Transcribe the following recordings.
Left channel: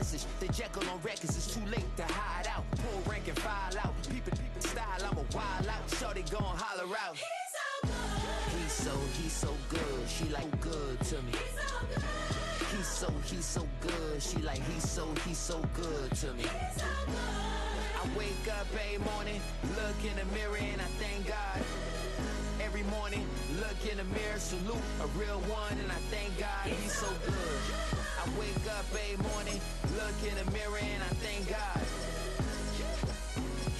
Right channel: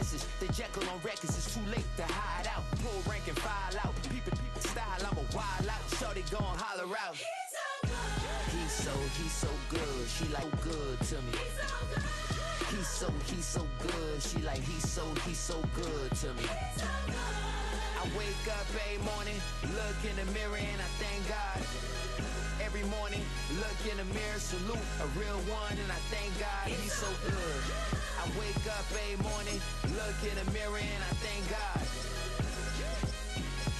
message. The Jekyll on records, it's too late to hide out. Pull rank and file out. People style, I'm a wild out. Shorty gon' holler out. He's so good. She like good to me. He's so good. She like he's so good to me. I wake up every morning, look in the mirror and I thank God. Every morning, look in the mirror, salute a real one, and I thank God he's so good. I wake up every morning, look in the mirror, and I thank God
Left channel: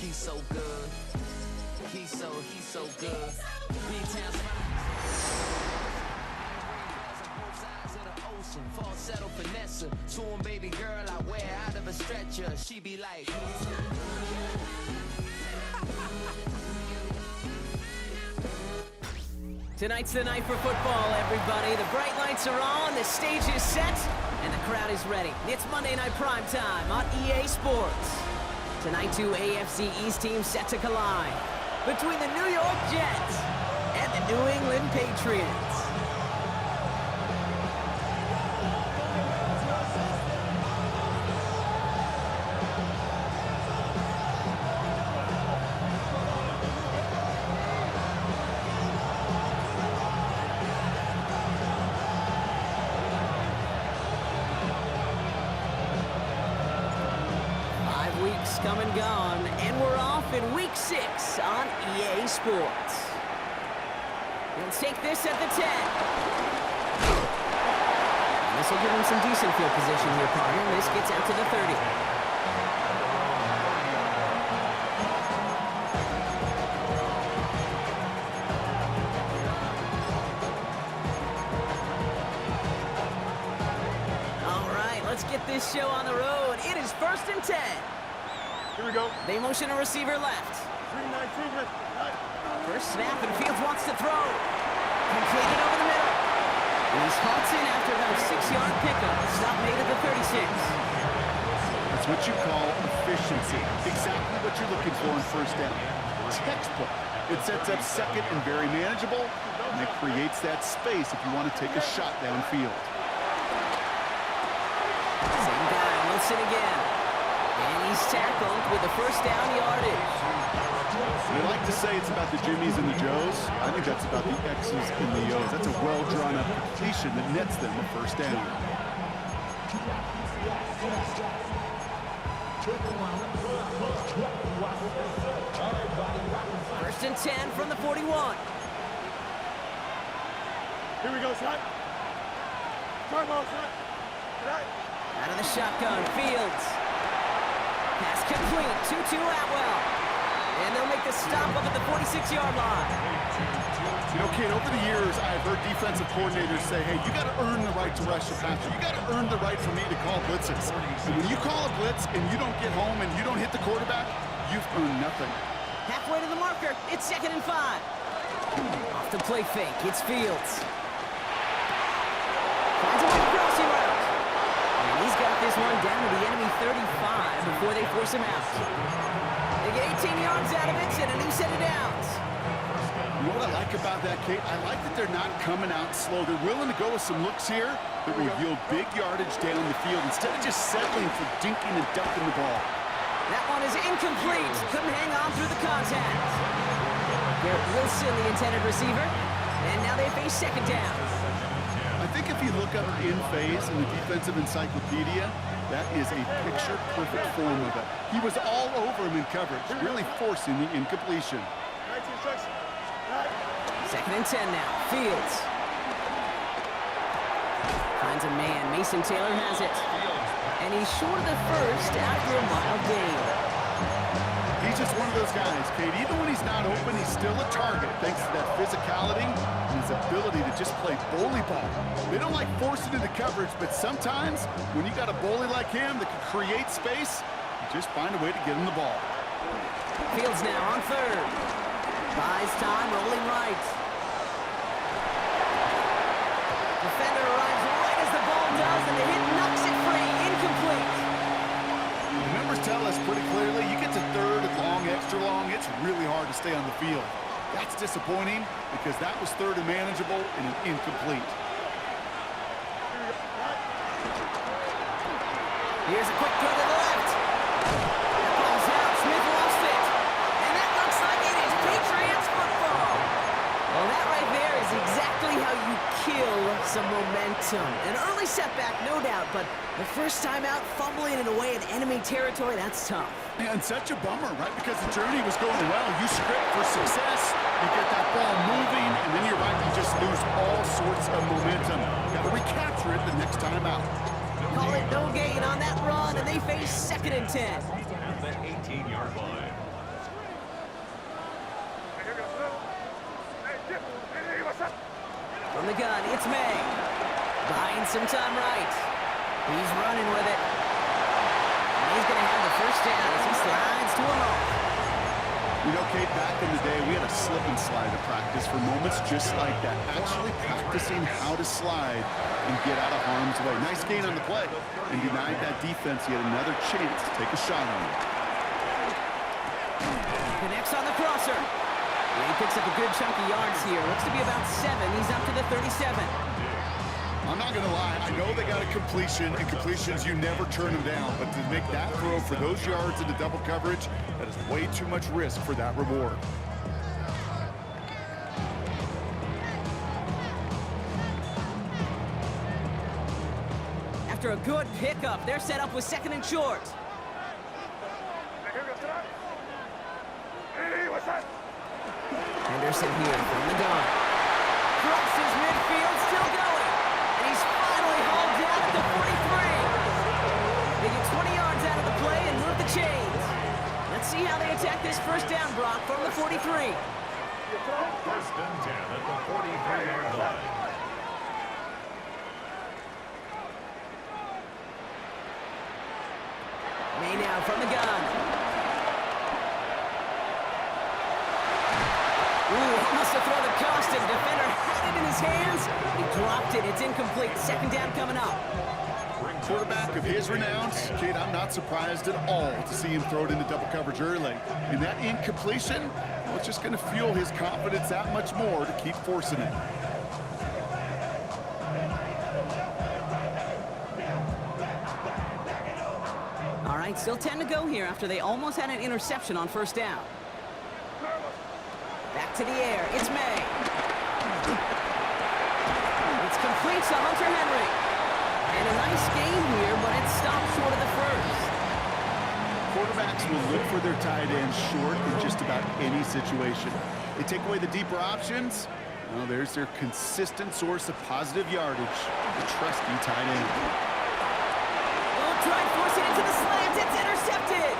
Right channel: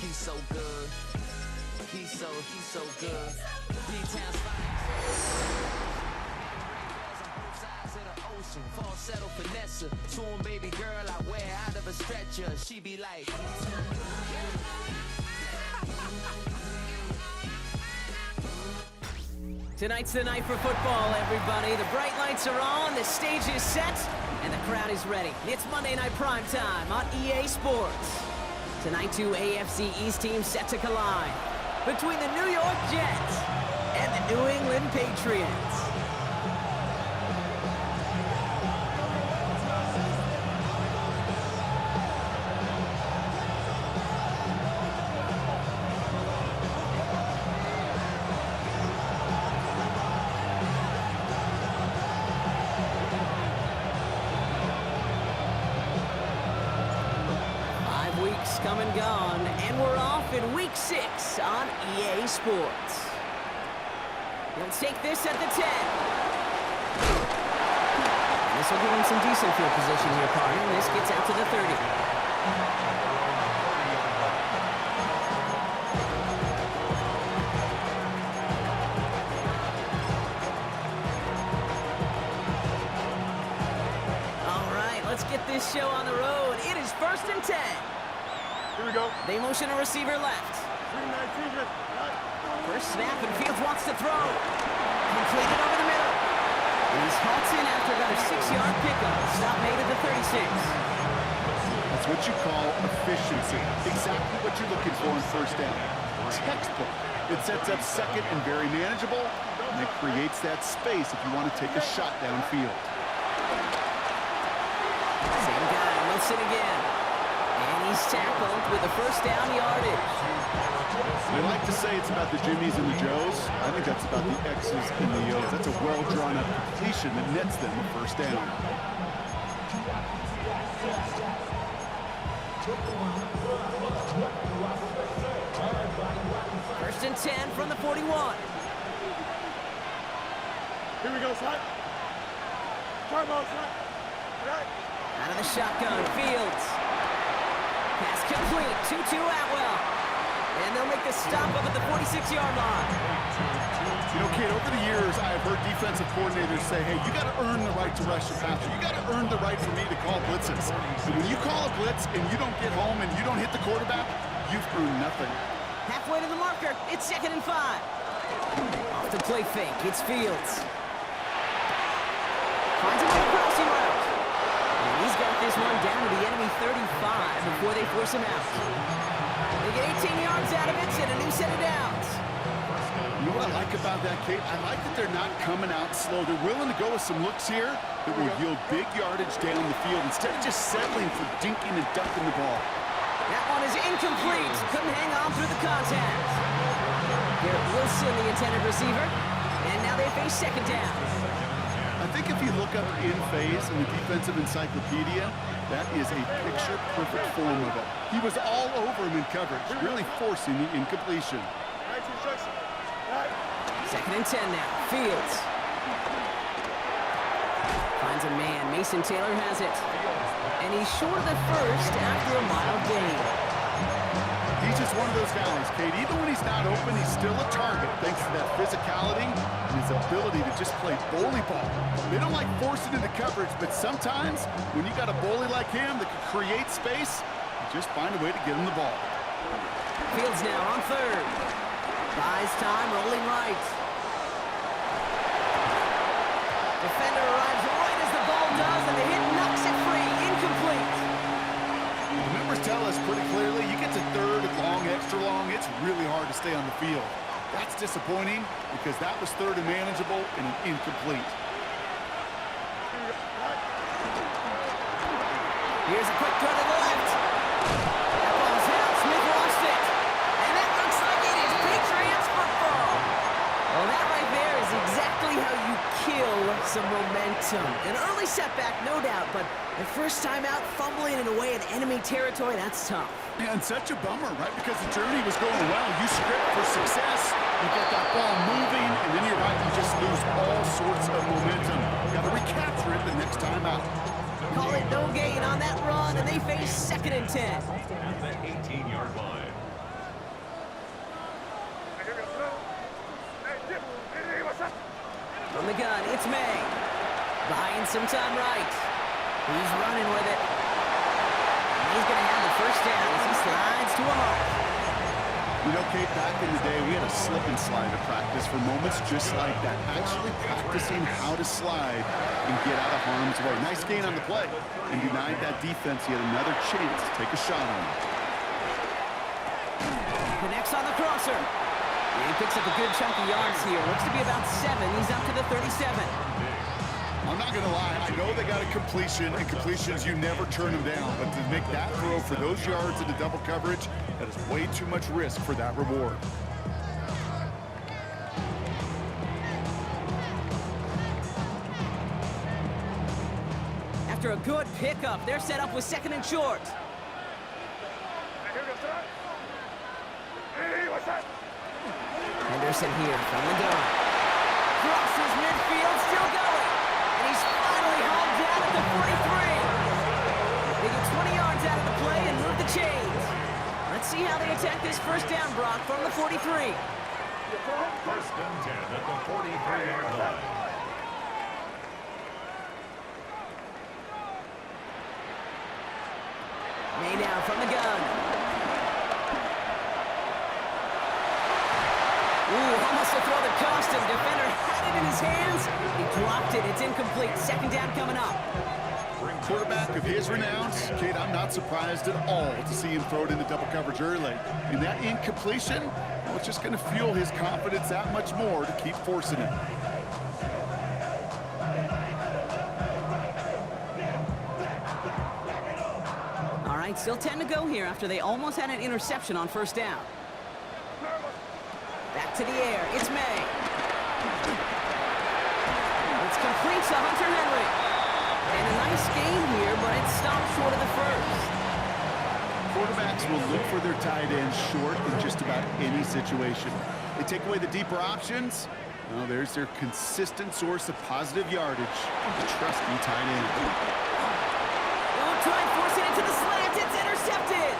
he's so good. He's so good. B-Town's finest. Ocean, falsetto finesse, to him, baby girl, I wear out of a stretcher. She be like. Tonight's the night for football, everybody. The bright lights are on, the stage is set, and the crowd is ready. It's Monday Night Primetime on EA Sports. Tonight, two AFC East teams set to collide between the New York Jets and the New England Patriots. 5 weeks come and gone, and we're off in Week 6 on EA Sports. He'll take this at the 10. And this will give him some decent field position here, partner. This gets out to the 30. All right, let's get this show on the road. It is 1st and 10. Here we go. They motion a receiver left. 3-9-2, First snap, and Fields wants to throw. Completed over the middle. And he's halted after about a 6-yard pickup. Stop made at the 36. That's what you call efficiency. Exactly what you're looking for on first down. Textbook. It sets up second and very manageable, and it creates that space if you want to take a shot downfield. Same guy, Wilson again. And he's tackled with the first down yardage. They like to say it's about the Jimmies and the Joes. I think that's about the X's and the O's. That's a well-drawn-up completion that nets them a first down. First and 10 from the 41. Here we go, son. Turbo, son. Right. Out of the shotgun, Fields. Pass complete, 2-2 Atwell. And they'll make the stop up at the 46-yard line. You know, kid, over the years, I've heard defensive coordinators say, hey, you got to earn the right to rush the passer. You got to earn the right for me to call blitzes. And when you call a blitz and you don't get home and you don't hit the quarterback, you've earned nothing. Halfway to the marker, it's 2nd and 5. Off the play fake, it's Fields. Finds a way to crossing route. And he's got this one down to the enemy 35 before they force him out. They get 18 yards out of it and a new set of downs. You know what I like about that, Kate? I like that they're not coming out slow. They're willing to go with some looks here that will yield big yardage down the field instead of just settling for dinking and dunking the ball. That one is incomplete. Couldn't hang on through the contact. Garrett Wilson, the intended receiver. And now they face 2nd down. I think if you look up in phase in the defensive encyclopedia, that is a picture-perfect form of it. He was all over him in coverage, really forcing the incompletion. 2nd and 10 now. Fields. Finds a man. Mason Taylor has it. And he's short of the first after a mild gain. He's just one of those guys, Kate. Even when he's not open, he's still a target thanks to that physicality and his ability to just play bully ball. They don't like forcing into coverage, but sometimes when you got a bully like him that can create space, you just find a way to get him the ball. Fields now on 3rd. Buys time, rolling right. Defender arrives right as the ball does, and the hit knocks it free. Incomplete. The numbers tell us pretty clearly, you get to 3rd and long, extra long, it's really hard to stay on the field. That's disappointing because that was 3rd and manageable and an incomplete. Here's a quick throw to the left. That ball's out. Smith lost it. And that looks like it is Patriots football. Well, that right there is exactly how you kill some momentum. An early setback, no doubt, but the first time out, fumbling it away in enemy territory, that's tough. Yeah, and such a bummer, right? Because the journey was going well. You script for success, you get that ball moving, and then you're right, you just lose all sorts of momentum. Got to recapture it the next time out. Call it no gain on that run, and they face 2nd and 10. At the 18-yard line. From the gun, it's May. Buying some time right. He's running with it. He's going to have the first down as he slides to a halt. You know, Kate, back in the day, we had a slip and slide at practice for moments just like that. Actually practicing how to slide and get out of harm's way. Nice gain on the play. And denied that defense yet another chance to take a shot on him. Connects on the crosser. And he picks up a good chunk of yards here. Looks to be about 7. He's up to the 37. I'm not going to lie. I know they got a completion, and completions, you never turn them down. But to make that throw for those yards into double coverage, that is way too much risk for that reward. After a good pickup, they're set up with 2nd and short. Henderson here from the gun. Crosses midfield, still going. And he's finally hauled down at the 43. They get 20 yards out of the play and move the chains. Let's see how they attack this first down, Brock, from the 43. First and 10 at the 43-yard line. May now from the gun. Ooh, almost a throw that cost him. Defender had it in his hands. He dropped it. It's incomplete. 2nd down coming up. Quarterback of his renown, Kate, I'm not surprised at all to see him throw it into double coverage early. And that incompletion, well, it's just going to fuel his confidence that much more to keep forcing it. All right, still 10 to go here after they almost had an interception on first down. Back to the air. It's May. It's complete to Hunter Henry. And a nice gain here, but it stopped short of the first. Quarterbacks will look for their tight ends short in just about any situation. They take away the deeper options. Well, there's their consistent source of positive yardage, the trusty tight end. They'll try and force it into the slant. It's intercepted.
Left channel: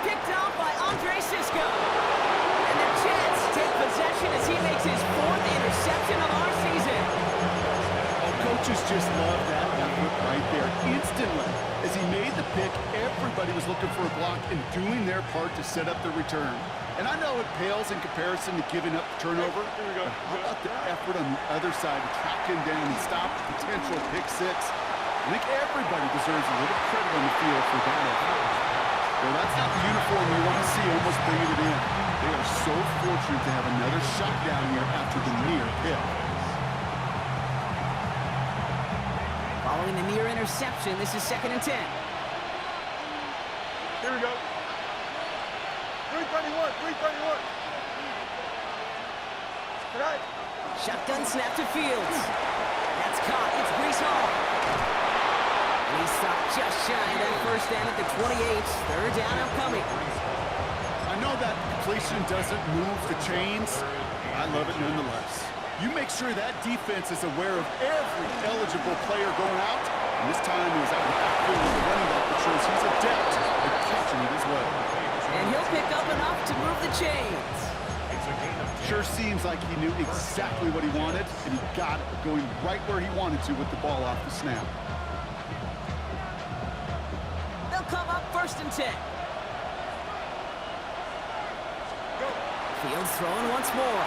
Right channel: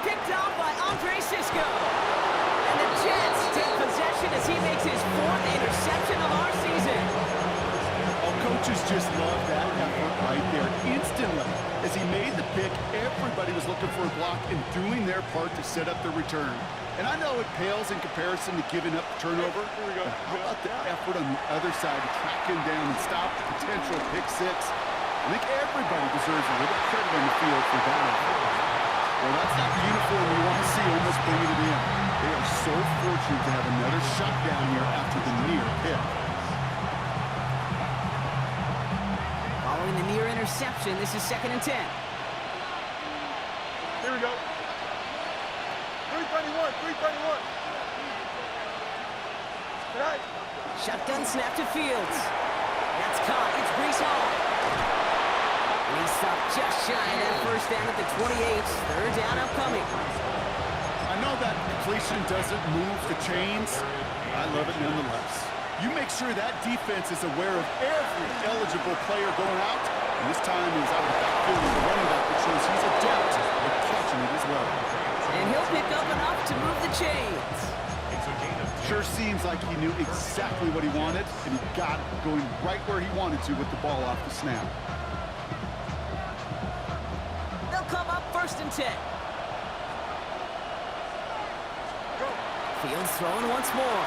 Picked off by Andre Sisco. And the Jets take possession as he makes his 4th interception of our season. Oh, coaches just love that effort right there. Instantly, as he made the pick, everybody was looking for a block and doing their part to set up the return. And I know it pales in comparison to giving up the turnover, but how about the effort on the other side to track him down and stop the potential pick six? I think everybody deserves a little credit on the field for that effort. Well, that's not the uniform you want to see almost bringing it in. They are so fortunate to have another shot down here after the near pick. Following the near interception, this is 2nd and 10. Here we go. 331, 331. Tonight. Shotgun snap to Fields. That's caught. It's Breece Hall. And he stopped just shy of that first down at the 28. 3rd down upcoming. I know that completion doesn't move the chains. I love it nonetheless. You make sure that defense is aware of every eligible player going out. And this time he was out of the backfield with the running back that shows he's adept at catching it as well. And he'll pick up enough to move the chains. It's a gain of 10. Sure seems like he knew exactly what he wanted, and he got it, going right where he wanted to with the ball off the snap. They'll come up 1st and 10. Go. Fields throwing once more.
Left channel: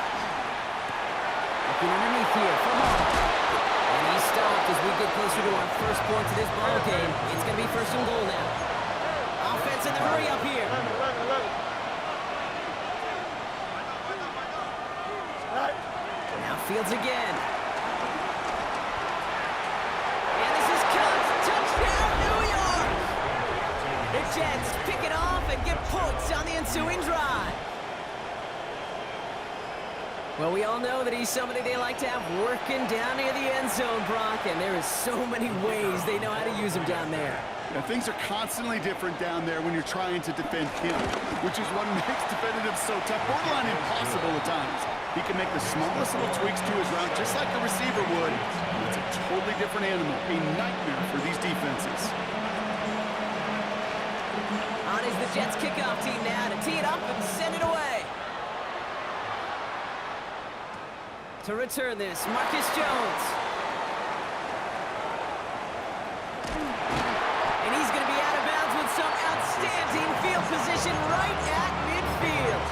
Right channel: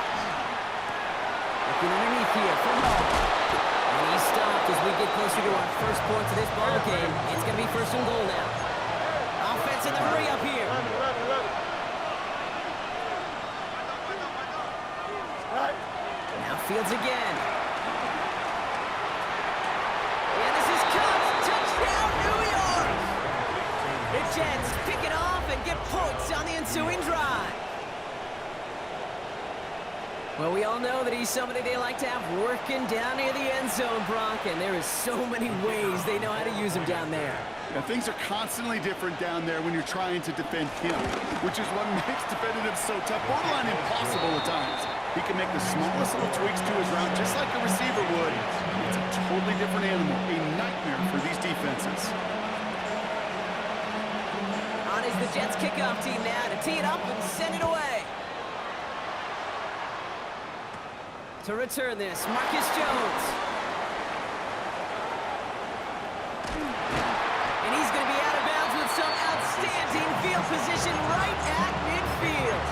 Looking underneath here for Hall. And he's stopped as we get closer to our first point to this ball game. It's going to be 1st and goal now. Offense in the hurry up here. 11, 11, 11. Right. Now Fields again. And this is caught. Touchdown, New York! Jets pick it off and get points on the ensuing drive. Well, we all know that he's somebody they like to have working down near the end zone, Brock, and there is so many ways they know how to use him down there. Yeah, things are constantly different down there when you're trying to defend him, which is what makes defending him so tough, borderline impossible at times. He can make the smallest little tweaks to his route just like a receiver would. It's a totally different animal, a nightmare for these defenses. On is the Jets kickoff team now to tee it up and send it away. To return this, Marcus Jones. And he's going to be out of bounds with some outstanding field position right at midfield.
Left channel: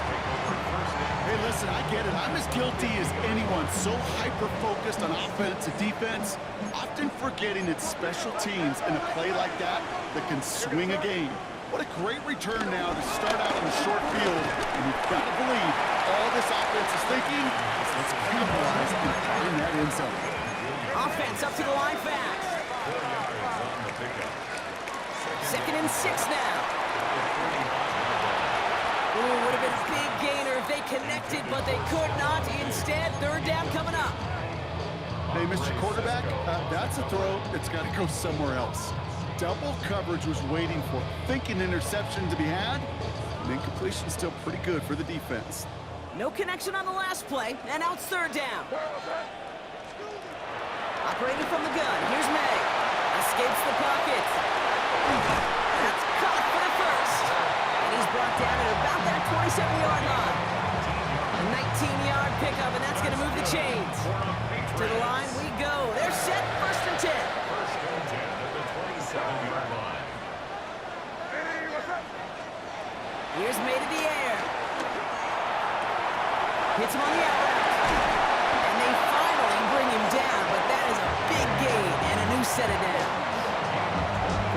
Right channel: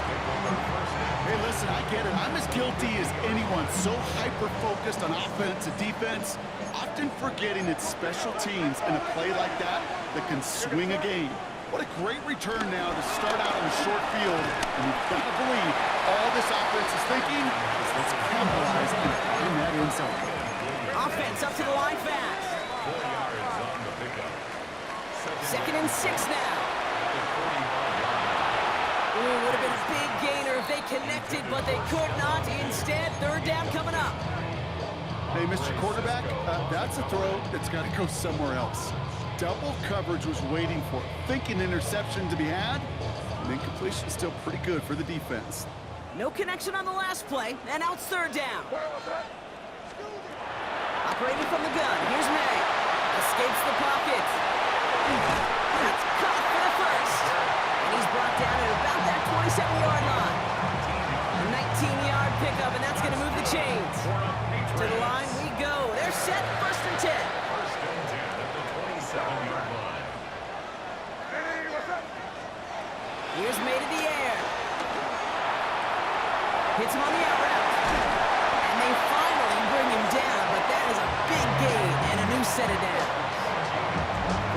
Hey, listen, I get it. I'm as guilty as anyone. So hyper-focused on offense and defense, often forgetting it's special teams in a play like that can swing a game. What a great return now to start out on the short field. And you've got to believe all this offense is thinking is let's capitalize and find that end zone. Offense up to the line fast. 4 yards on the pickup. Second and 6 now. Ooh, would have been a big gainer if they connected, but they could not. Instead, third down coming up. Hey, Mr. Quarterback, that's a throw that's got to go somewhere else. Double coverage was waiting for it. Thinking interception to be had, and incompletion still pretty good for the defense. No connection on the last play, and now it's third down. Operating from the gun, here's May. Escapes the pocket. That's caught for the first. And he's brought down at about that 27-yard line. A 19-yard pickup, and that's going to move the chains. To the line we go. They're set, first and 10. First and 10 at the 27-yard line. Here's May to the air. Hits him on the out route. And they finally bring him down, but that is a big gain and a new set of downs.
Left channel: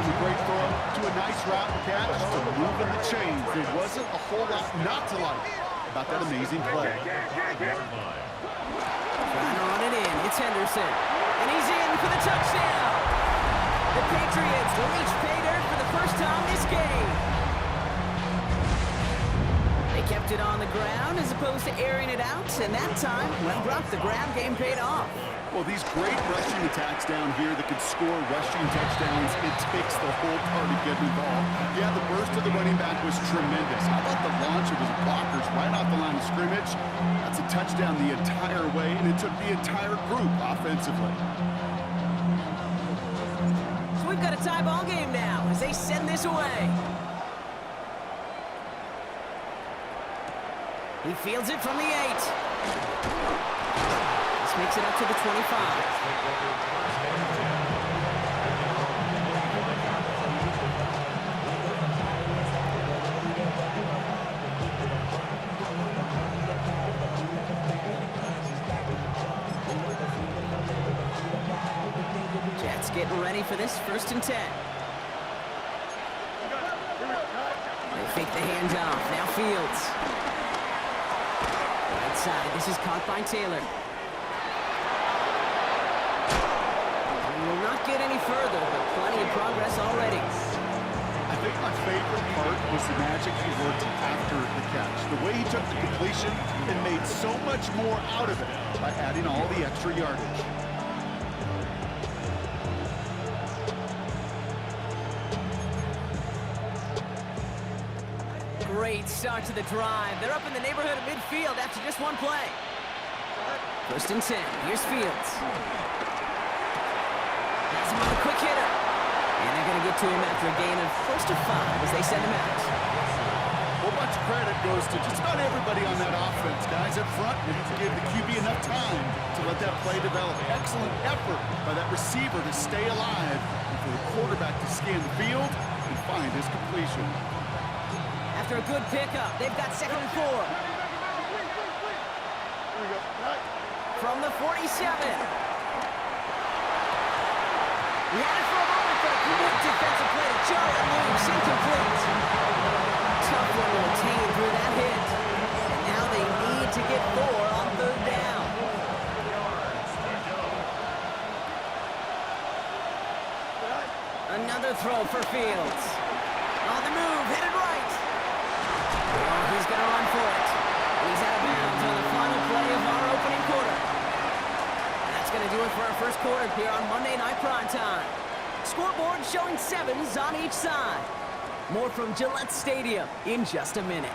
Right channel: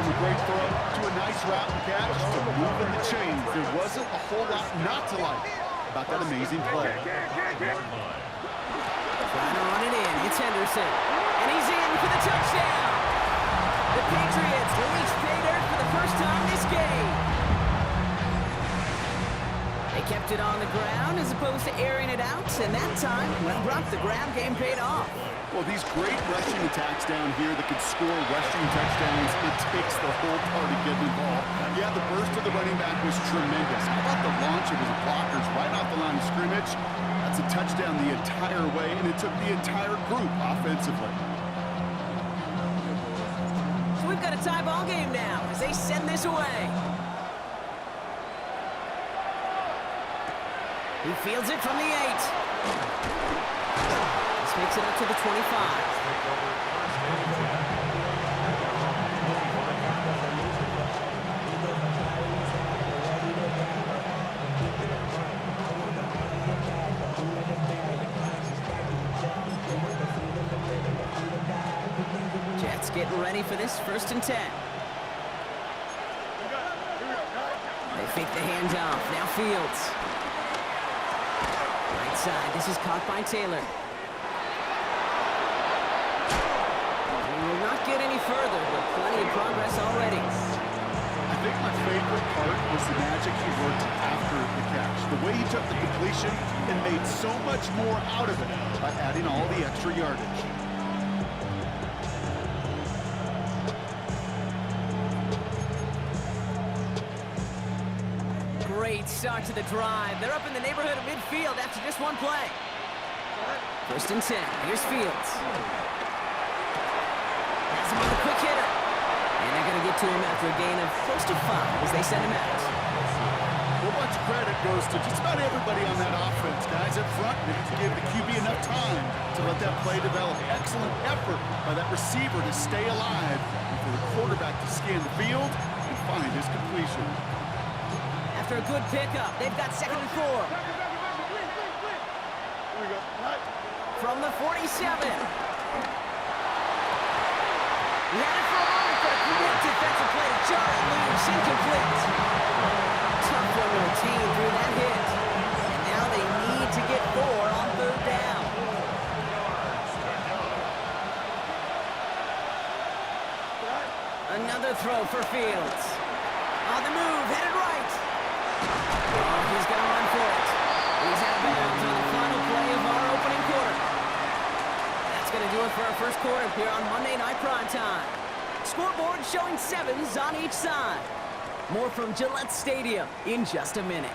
From a great throw to a nice route and catch to moving the chains. There wasn't a whole lot not to like about that amazing play. Trying to run it in. It's Henderson. And he's in for the touchdown. The Patriots will reach pay dirt for the first time this game. They kept it on the ground as opposed to airing it out, and that time, well, Brock, the ground game paid off. Well, these great rushing attacks down here that could score rushing touchdowns, it takes the whole party getting involved. Yeah, the burst of the running back was tremendous. How about the launch of his blockers right off the line of scrimmage? That's a touchdown the entire way, and it took the entire group offensively. So we've got a tie ball game now as they send this away. He fields it from the 8. This makes it up to the 25. Take over first and 10 at their own 25-yard line. Jets getting ready for this first and 10. They fake the handoff. Now Fields. Right side. This is caught by Taylor. He will not get any further, but plenty of progress already. I think my favorite part was the magic he worked after the catch. The way he took the completion and made so much more out of it by adding all the extra yardage. Great start to the drive. They're up in the neighborhood of midfield after just one play. First and 10. Here's Fields. That's him on the quick hitter. And they're going to get to him after a gain of close to 5 as they send him out. Well, much credit goes to just about everybody on that offense. Guys up front gave the QB enough time to let that play develop. Excellent effort by that receiver to stay alive and for the quarterback to scan the field and find his completion. After a good pickup, they've got second and 4. Here we go. From the 47. He had it for a moment, but a great defensive play to jar it loose. Incomplete. Tough one to retain through that hit. And now they need to get 4 on third down. Another throw for Fields. Oh, On the move, headed right. Oh, he's going to run for it. He's out of bounds on the final play of our opening quarter. That's going to do it for our first quarter here on Monday Night Primetime. Scoreboard showing 7s on each side. More from Gillette Stadium in just a minute.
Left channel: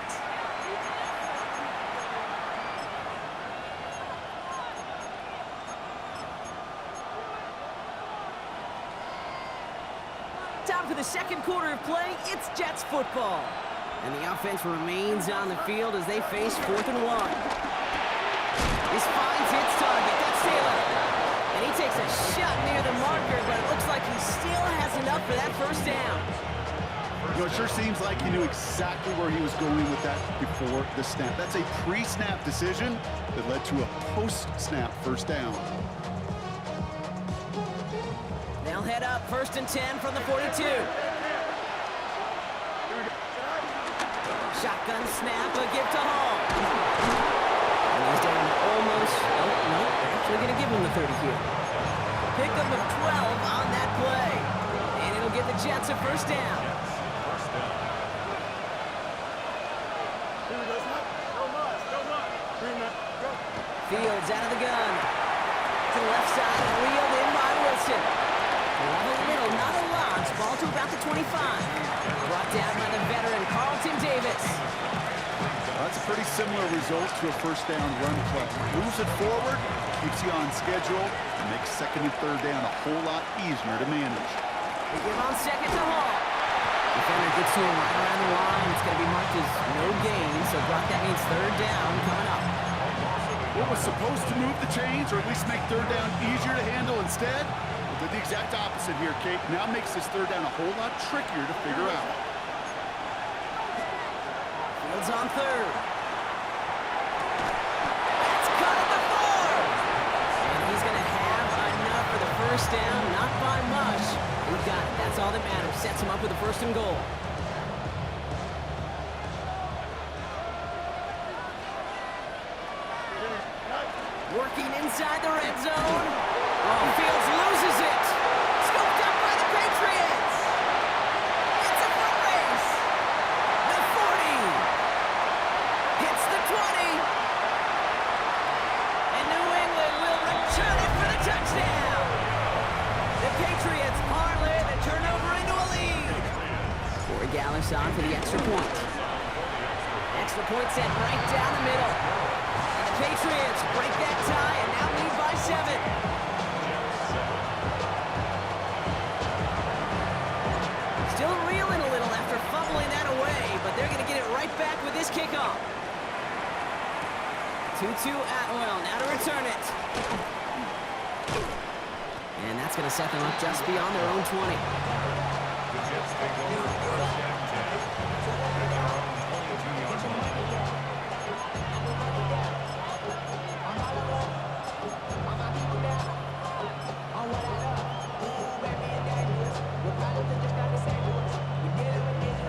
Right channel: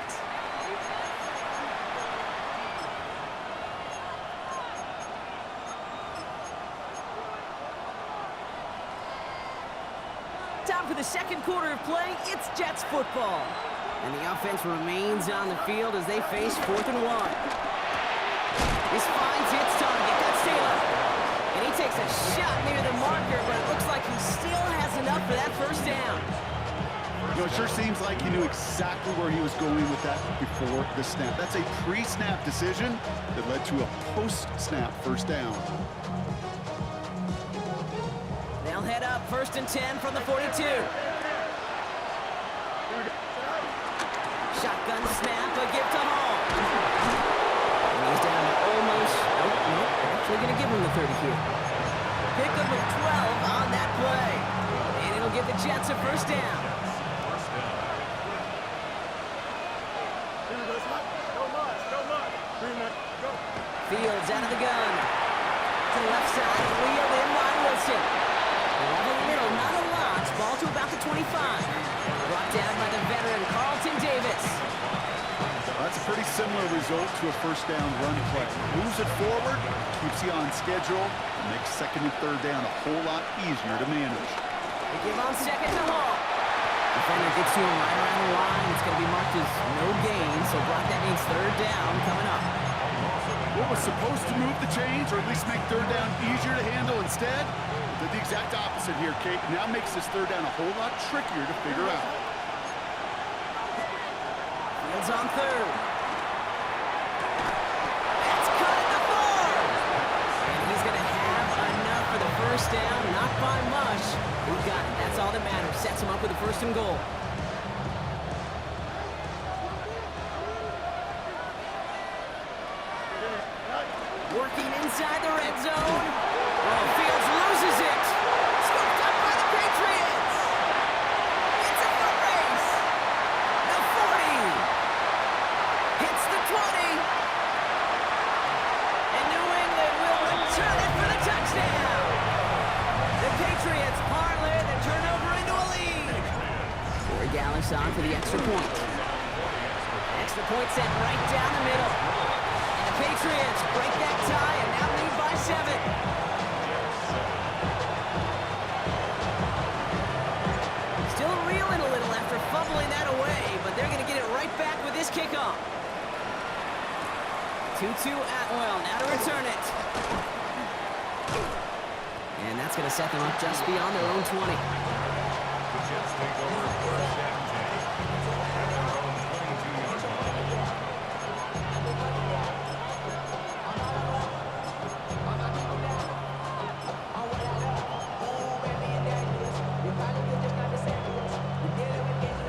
Time for the second quarter of play. It's Jets football. And the offense remains on the field as they face 4th and 1. This finds its target. That's Taylor. And he takes a shot near the marker, but it looks like he still has enough for that first down. You know, it sure seems like he knew exactly where he was going with that before the snap. That's a pre-snap decision that led to a post-snap first down. They'll head up 1st and 10 from the 42. Shotgun snap, a give to Hall. And he's down to almost, nope, they're actually going to give him the 30 here. Pickup of 12 on that play. And it'll give the Jets a first down. Here we go, Scott. No mud. Green man, go. Fields out of the gun. To the left side and reeled in by Wilson. We'll have a little, not a lot. Ball to about the 25. Brought down by the veteran Carlton Davis. Well, that's a pretty similar result to a first down run play. Moves it forward, keeps you on schedule, and makes 2nd and 3rd down a whole lot easier to manage. They give on 2nd to Hall. Defender gets to him right around the line. It's going to be marked as no gain, so Brock, that means 3rd down coming up. What was supposed to move the chains, or at least make 3rd down easier to handle instead, did the exact opposite here, Kate. Now makes this 3rd down a whole lot trickier to figure out. Fields on 3rd. That's cut at the 4. And he's going to have enough for the first down, not by much. He got it. That's all that matters. Sets him up with a 1st and goal. Working inside the red zone. Oh, Fields loses it. Scooped up by the Patriots. It's a foot race. The 40. Hits the 20. And New England will return it for the touchdown. The Patriots parlay the turnover into a lead. Corey Gallis on for the extra point. Extra point set right down the middle. And the Patriots break that tie and now lead by 7. Still reeling a little after fumbling that away, but they're going to get it right back with this kickoff. 2-2 Atwell, now to return it. And that's going to set them up just beyond their own 20. The Jets take over 1st and 10 at their own 22-yard line.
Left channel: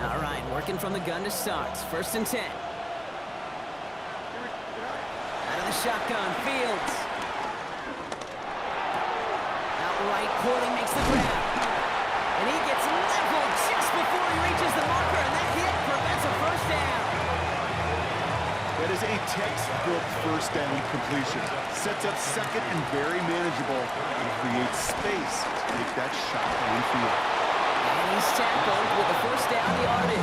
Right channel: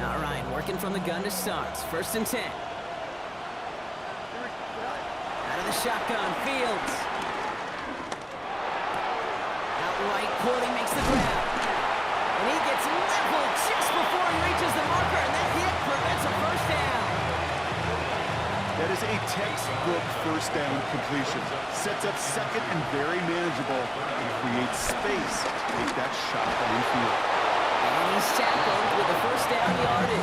All right, working from the gun to start. 1st and 10. Out of the shotgun, Fields. Outright, Corley makes the grab. And he gets leveled just before he reaches the marker, and that hit prevents a first down. That is a textbook first down completion. Sets up 2nd and very manageable and creates space to take that shot downfield. And he's tackled with the first down yardage.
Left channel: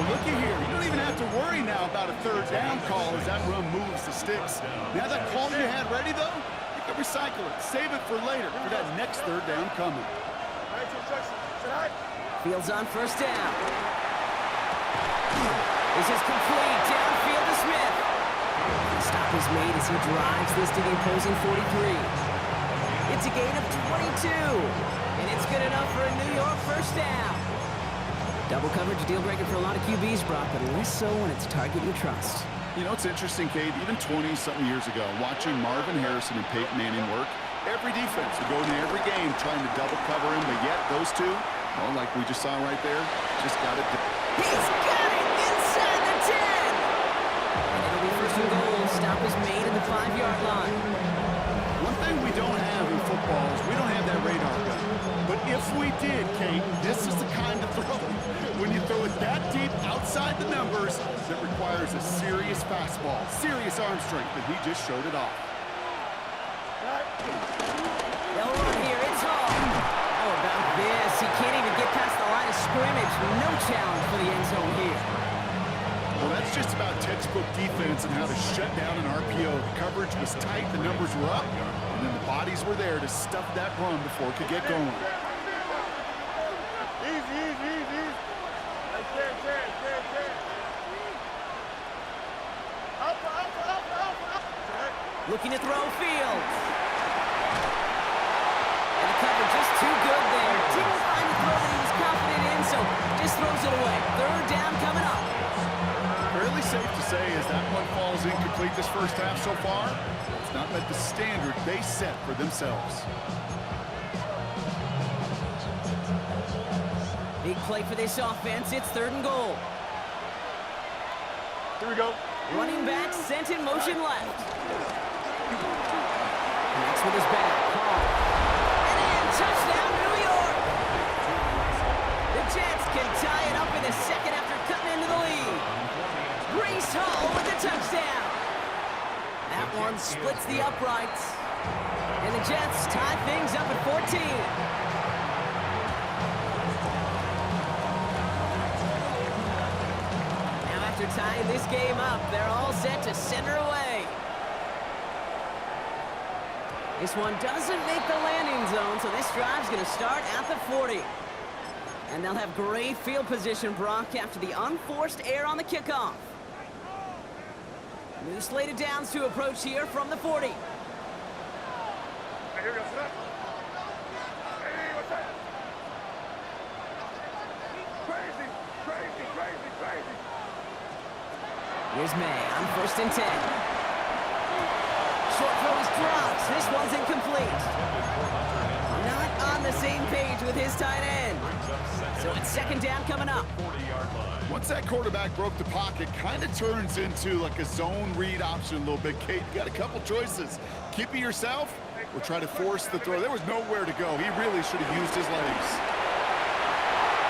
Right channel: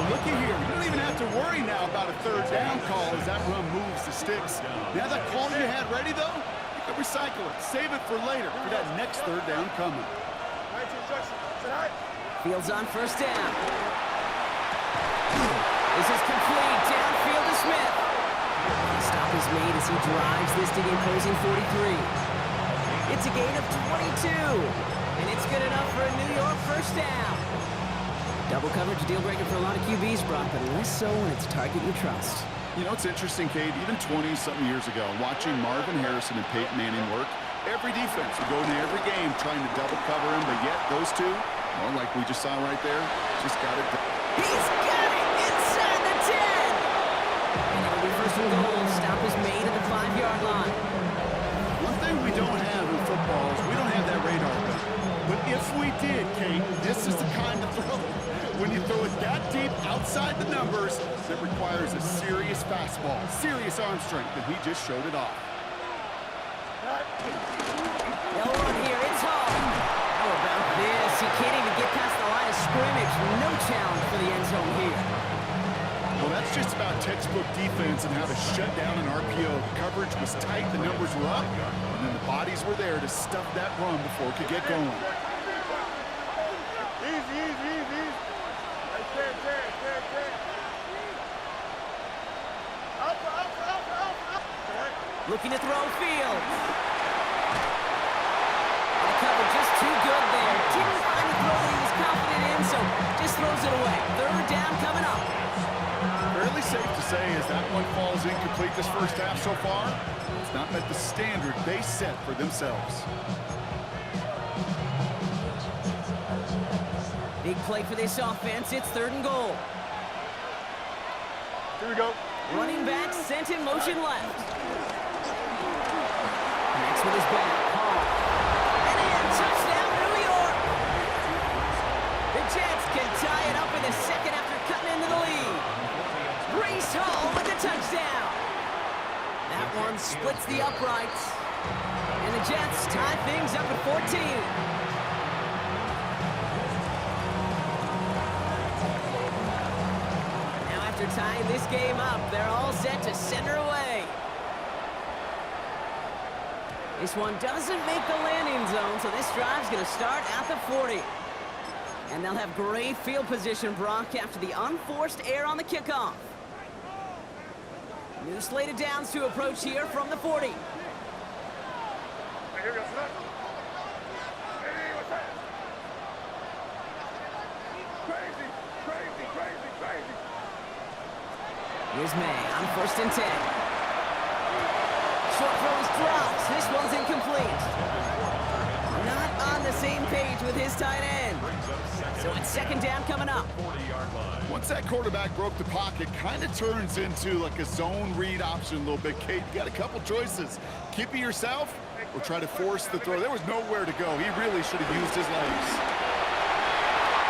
Well, looky here. You don't even have to worry now about a 3rd down call as that run moves the sticks. Now that call you had ready, though, you can recycle it. Save it for later for that next 3rd down coming. Fields on 1st down. This is complete. Downfield to Smith. The stop is made as he drives this to the opposing 43. It's a gain of 22. And it's good enough for a New York first down. Double coverage, deal breaker for a lot of QBs, Brock, but less so when it's a target you trust. You know, it's interesting, Kate, even 20-something years ago, watching Marvin Harrison and Peyton Manning work, every defense would go into every game trying to double cover him, but yet those two, well, like we just saw right there, just got it. He's got it inside the 10. And it'll be 1st and goal. Stop is made at the 5-yard line. One thing we don't have in football is we don't have that radar gun. But if we did, Kate, this is the kind of throw, when you throw it that deep outside the numbers, that requires a serious fastball, serious arm strength, and he just showed it off. They'll run here. It's home. How about this? He can't even get past the line of scrimmage. No challenge for the end zone here. Well, that's just about textbook defense and how to shut down an RPO. The coverage was tight, the numbers were up, and then the bodies were there to stuff that run before it could get going. Easy, easy, easy. Right there, there. Up. Looking to throw Fields. And the cover just too good there. Didn't find a throw that he was confident in, so just throws it away. Third down coming up. Fairly safe to say as that one falls incomplete this first half so far, it's not met the standard they set for themselves. Big play for this offense. It's 3rd and goal. Here we go. Running back sent in motion left. Connects with his back. Hall. And in. Touchdown, New York. The Jets can tie it up in the second after cutting into the lead. Breece Hall with the touchdown. That one splits the uprights. And the Jets tie things up at 14. Now after tying this game up, they're all set to center away. This one doesn't make the landing zone, so this drive's going to start at the 40. And they'll have great field position, Brock, after the unforced error on the kickoff. New slate of downs to approach here from the 40. Hey, here we go. Hey, what's that? Crazy. Here's May on 1st and 10. Short throw is dropped. This one's incomplete. Not on the same page with his tight end. So it's 2nd down coming up. Once that quarterback broke the pocket, kind of turns into like a zone read option a little bit. Kate, you got a couple choices. Keep it yourself or try to force the throw. There was nowhere to go. He really should have used his legs.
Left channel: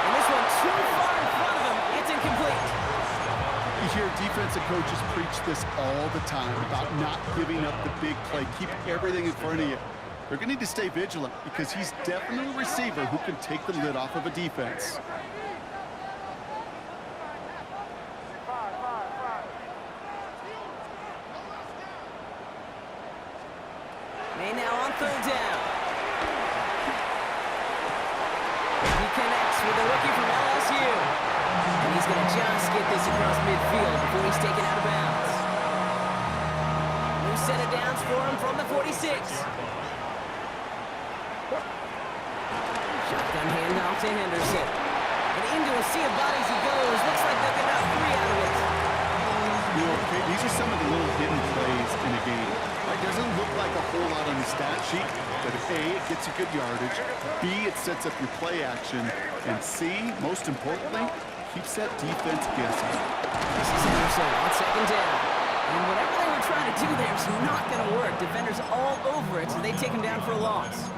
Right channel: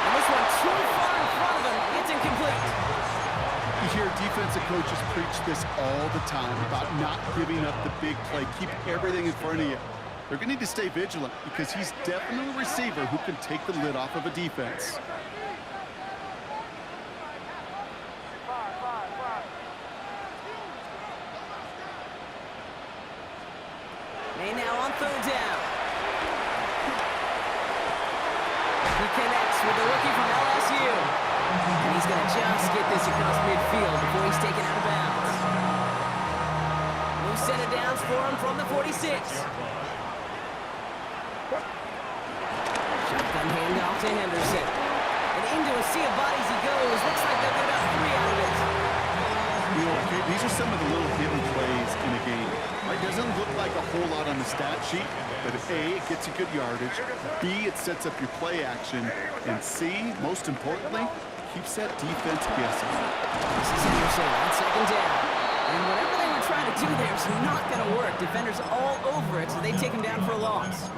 And this one too far in front of him. It's incomplete. You hear defensive coaches preach this all the time about not giving up the big play. Keep everything in front of you. They're going to need to stay vigilant because he's definitely a receiver who can take the lid off of a defense. May now on 3rd down. He connects with the rookie from LSU. And he's going to just get this across midfield before he's taken out of bounds. New set of downs for him from the 46. Shotgun handoff to Henderson. And into a sea of bodies he goes. Looks like they'll get about 3 out of it. You know, okay, these are some of the little hidden plays in a game. It doesn't look like a whole lot on the stat sheet, but if A, it gets you good yardage, B, it sets up your play action, and C, most importantly, keeps that defense guessing. This is Henderson on 2nd down. And whatever they were trying to do there is not going to work. Defenders all over it, so they take him down for a loss.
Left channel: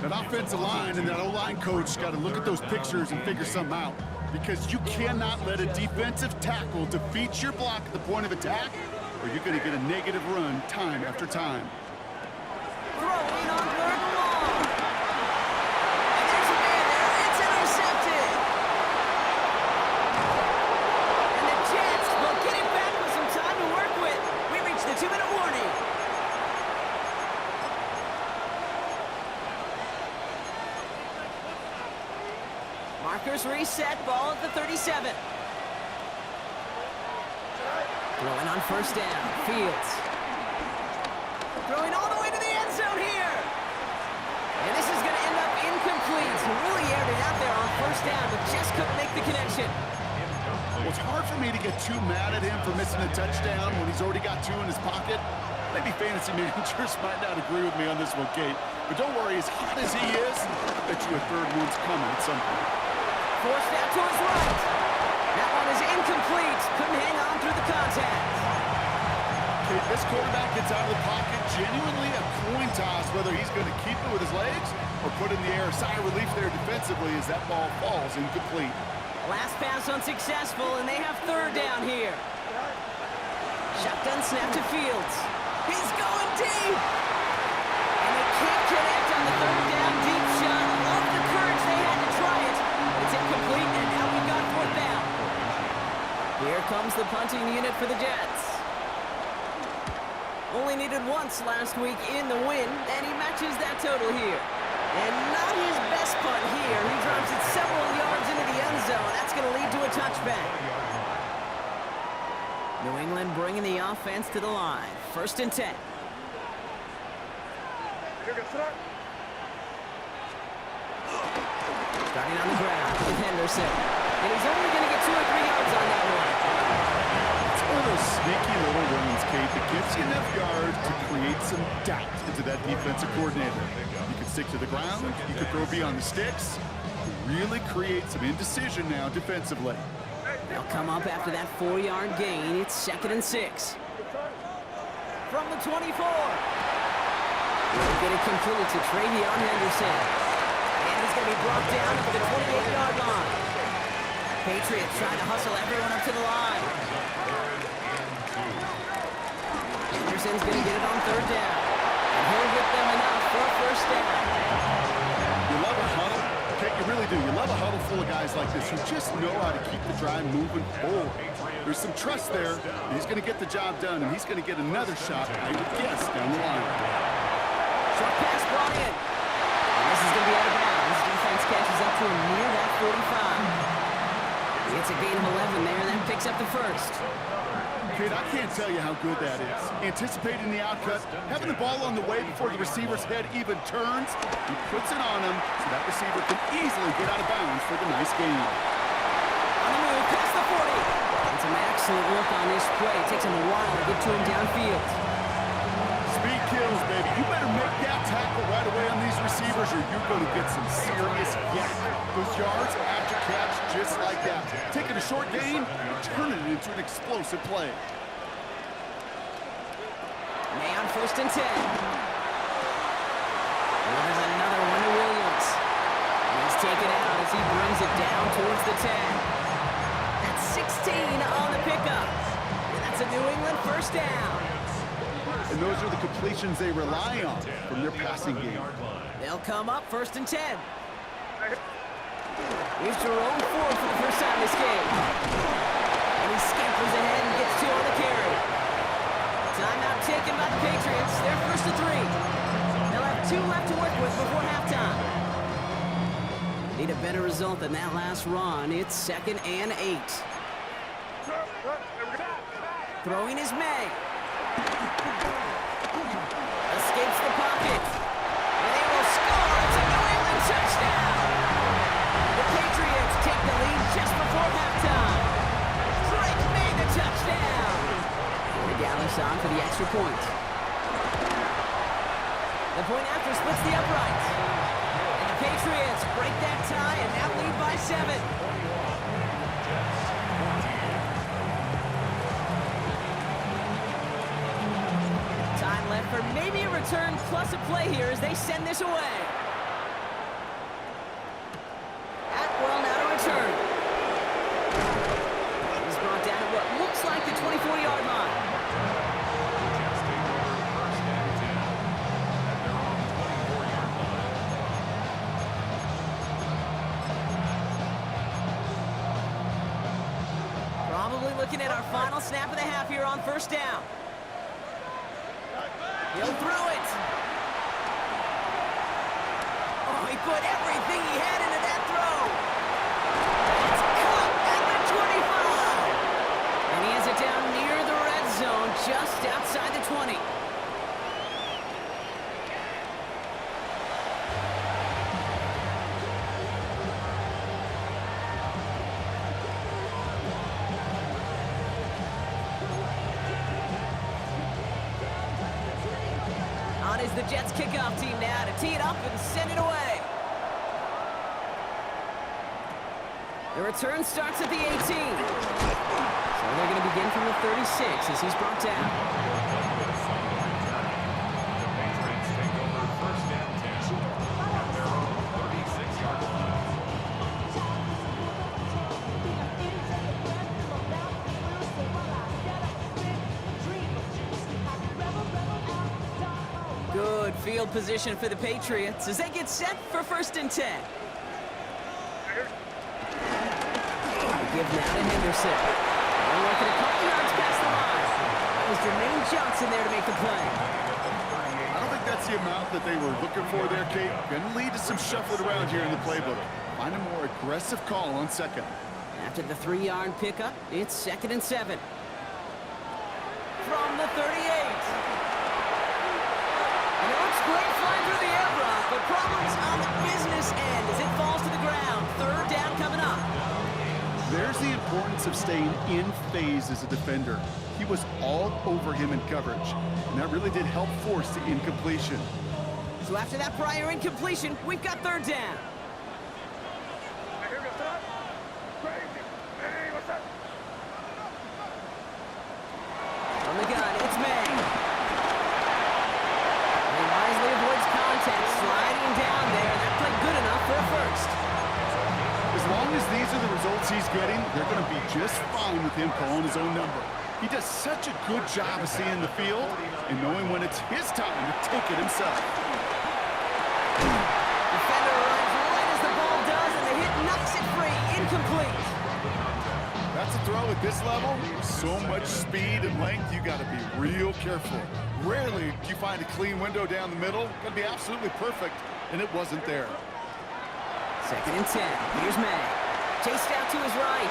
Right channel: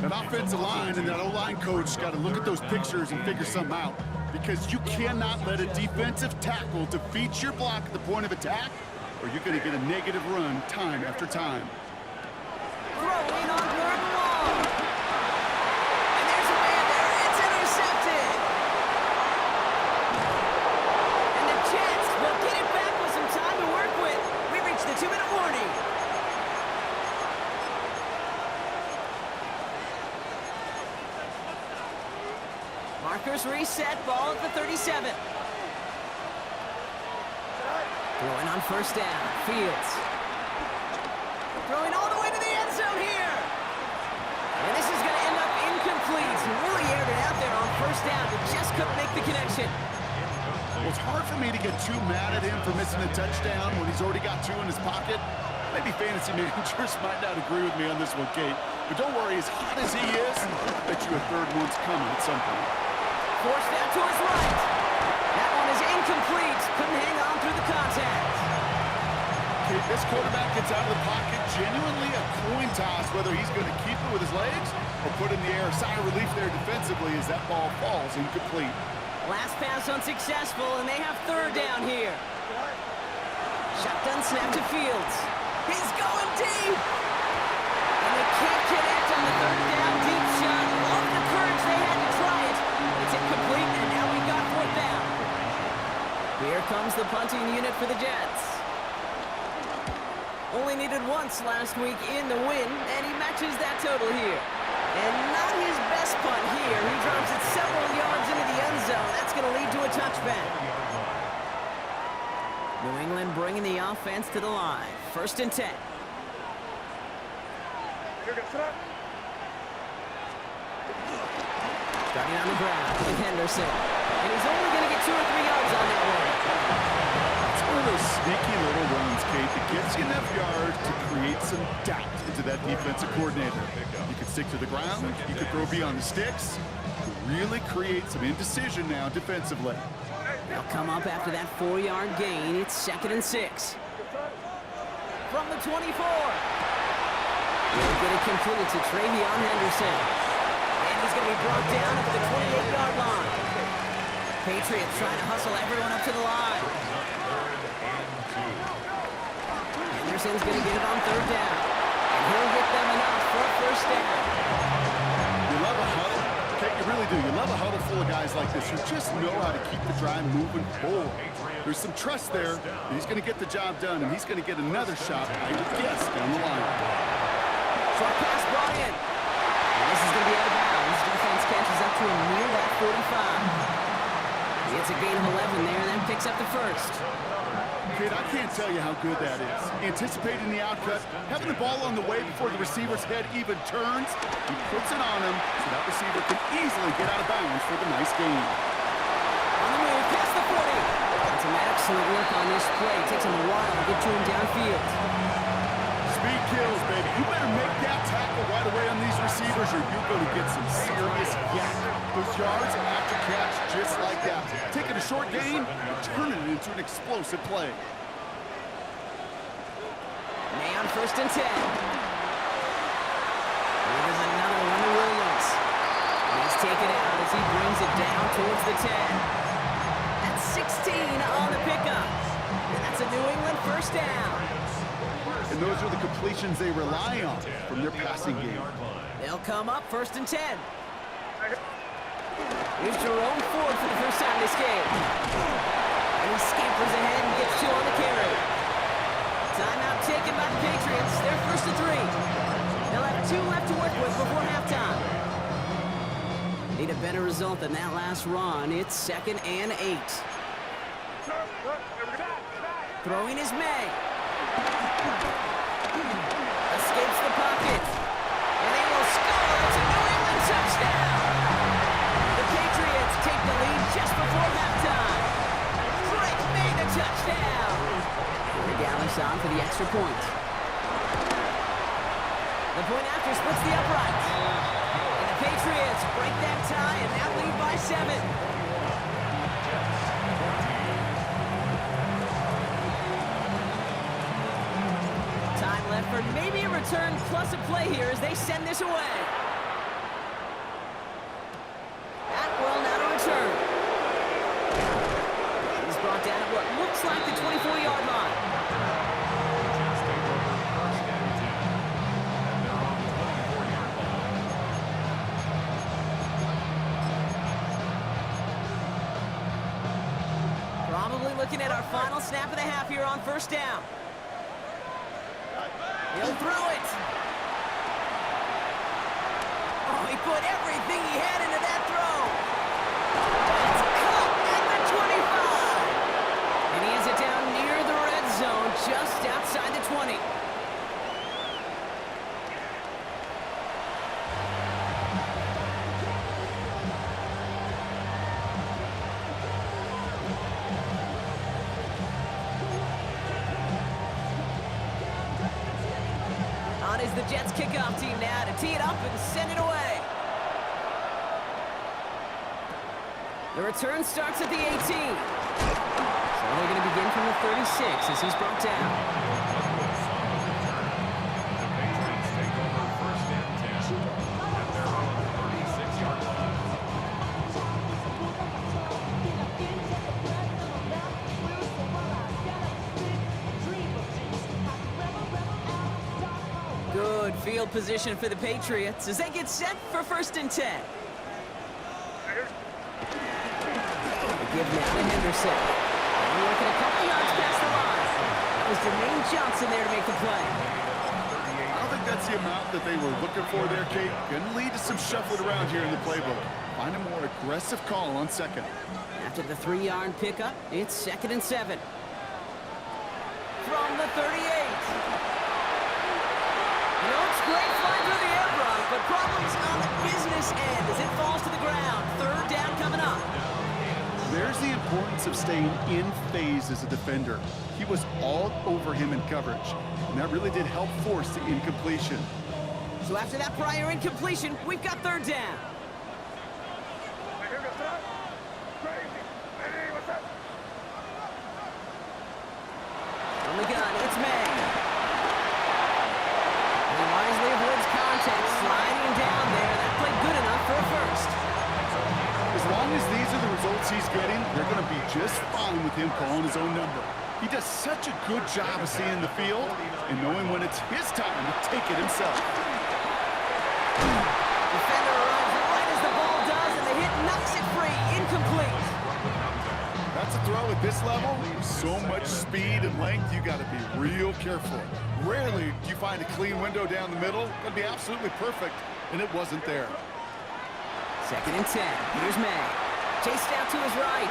That offensive line and that O-line coach got to look at those pictures and figure something out. Because you cannot let a defensive tackle defeat your block at the point of attack, or you're going to get a negative run time after time. Throwing on 3rd and long. And there's a man there. It's intercepted. And the Jets will get it back with some time to work with. We reached the 2-minute warning. Markers reset, ball at the 37. Throwing on 1st down, Fields. Throwing all the way to the end zone here. And this is going to end up incomplete. Really aired it out there on 1st down, but just couldn't make the connection. Well, it's hard for me to get too mad at him for missing a touchdown when he's already got 2 in his pocket. Maybe fantasy managers might not agree with me on this one, Kate. But don't worry, as hot as he is, I bet you a 3rd one's coming at some point. Forced out to his right. That one is incomplete. Couldn't hang on through the contact. Okay, this quarterback gets out of the pocket, genuinely a coin toss, whether he's going to keep it with his legs or put it in the air. Sigh of relief there defensively as that ball falls incomplete. Last pass unsuccessful, and they have third down here. Shotgun snap to Fields. He's going deep! And they can't connect on the third down deep shot. Love the courage they had to try it, but it's incomplete, and now we've got fourth down. Here comes the punting unit for the Jets. Only needed once last week in the win, and he matches that total here. And not his best punt here. He drops it several yards into the end zone. That's going to lead to a touchback. New England bringing the offense to the line. 1st and 10. Starting on the ground with Henderson. And he's only going to get 2 or 3 yards on that one. It's one of those sneaky little runs, Kate, that gets you enough yards to create some doubt into that defensive coordinator. You can stick to the ground, you can throw beyond the sticks, really create some indecision now defensively. They'll come up after that 4-yard gain. It's 2nd and 6. From the 24. We'll get it completed to Travion Henderson. And he's going to be brought down at the 28-yard line. Patriots trying to hustle everyone up to the line. Henderson's going to get it on 3rd down. And he'll get them enough for a 1st down. You love a huddle. Okay, you really do. You love a huddle full of guys like this who just know how to keep the drive moving forward. There's some trust there. He's going to get the job done, and he's going to get another shot, I would guess, down the line. Short pass brought in. And this is going to be out of bounds. Defense catches up to him near that 45. He gets a gain of 11 there, and then picks up the 1st. Kid, I can't tell you how good that is. Anticipating the outcut, having the ball on the way before the receiver's head even turns, he puts it on him so that receiver can easily get out of bounds for the nice gain. On the move, past the 40. And some excellent work on this play. It takes him a while to get to him downfield. Speed kills, baby. You better make that tackle right away on these receivers or you're going to get some serious yak. Those yards after catch just like that. Taking a short gain and turning it into an explosive play. May on 1st and 10. There's another one to Williams. And he's taken out as he brings it down towards the 10. That's 16 on the pickup. And that's a New England 1st down. And those are the completions they rely on from their passing game. They'll come up 1st and 10. Here's Jerome Ford for the first time this game. And he scampers ahead and gets 2 on the carry. Timeout taken by the Patriots. They're 1st and 3. They'll have 2 left to work with before halftime. Need a better result than that last run. It's 2nd and 8. Throwing is May. Escapes the pocket. And they will score. It's a New England touchdown. The Patriots take the lead just before halftime. Drake made the touchdown. Regardless on for the extra point. The point after splits the upright. And the Patriots break that tie and now lead by 7. Time left for maybe a return plus a play here as they send this away. Atwell now to return. He's brought down at what looks like the 24-yard line. Jets take over 1st and 10. And they're on the 24-yard line. Probably looking at our final snap of the half here on 1st down. He'll throw it. Oh, he put everything he had into that throw. It's caught at the 25. And he has it down near the red zone, just outside the 20. On is the Jets kickoff team now to tee it up and send it away. The return starts at the 18. So So they're going to begin from the 36 as he's brought down. Douglas on the return. The Patriots take over first and 10 at their own 36-yard line. Good field position for the Patriots as they get set for first and 10. They give now to Henderson. They're working a couple yards past the line. That was Jermaine Johnson there to make the play. I don't think that's the amount that they were looking for there, Kate. Going to lead to some shuffling around here in the playbook. Find a more aggressive call on second. After the 3-yard pickup, it's 2nd and 7. From the 38. And it looks great flying through the air, Brock, but problems on the business end as it falls to the ground. 3rd down coming up. There's the importance of staying in phase as a defender. He was all over him in coverage, and that really did help force the incompletion. So after that prior incompletion, we've got 3rd down. From the gun, it's May. He wisely avoids contact, sliding down there. That played good enough for a first. As long as these are the results he's getting, they're going to be just fine with him calling his own number. He does such a good job of seeing the field and knowing when it's his time to take it himself. Defender arrives right as the ball does, and the hit knocks it free. Incomplete. That's a throw at this level. So much speed and length, you got to be real careful. Rarely do you find a clean window down the middle. Got to be absolutely perfect, and it wasn't there. 2nd and 10. Here's May. Chased out to his right.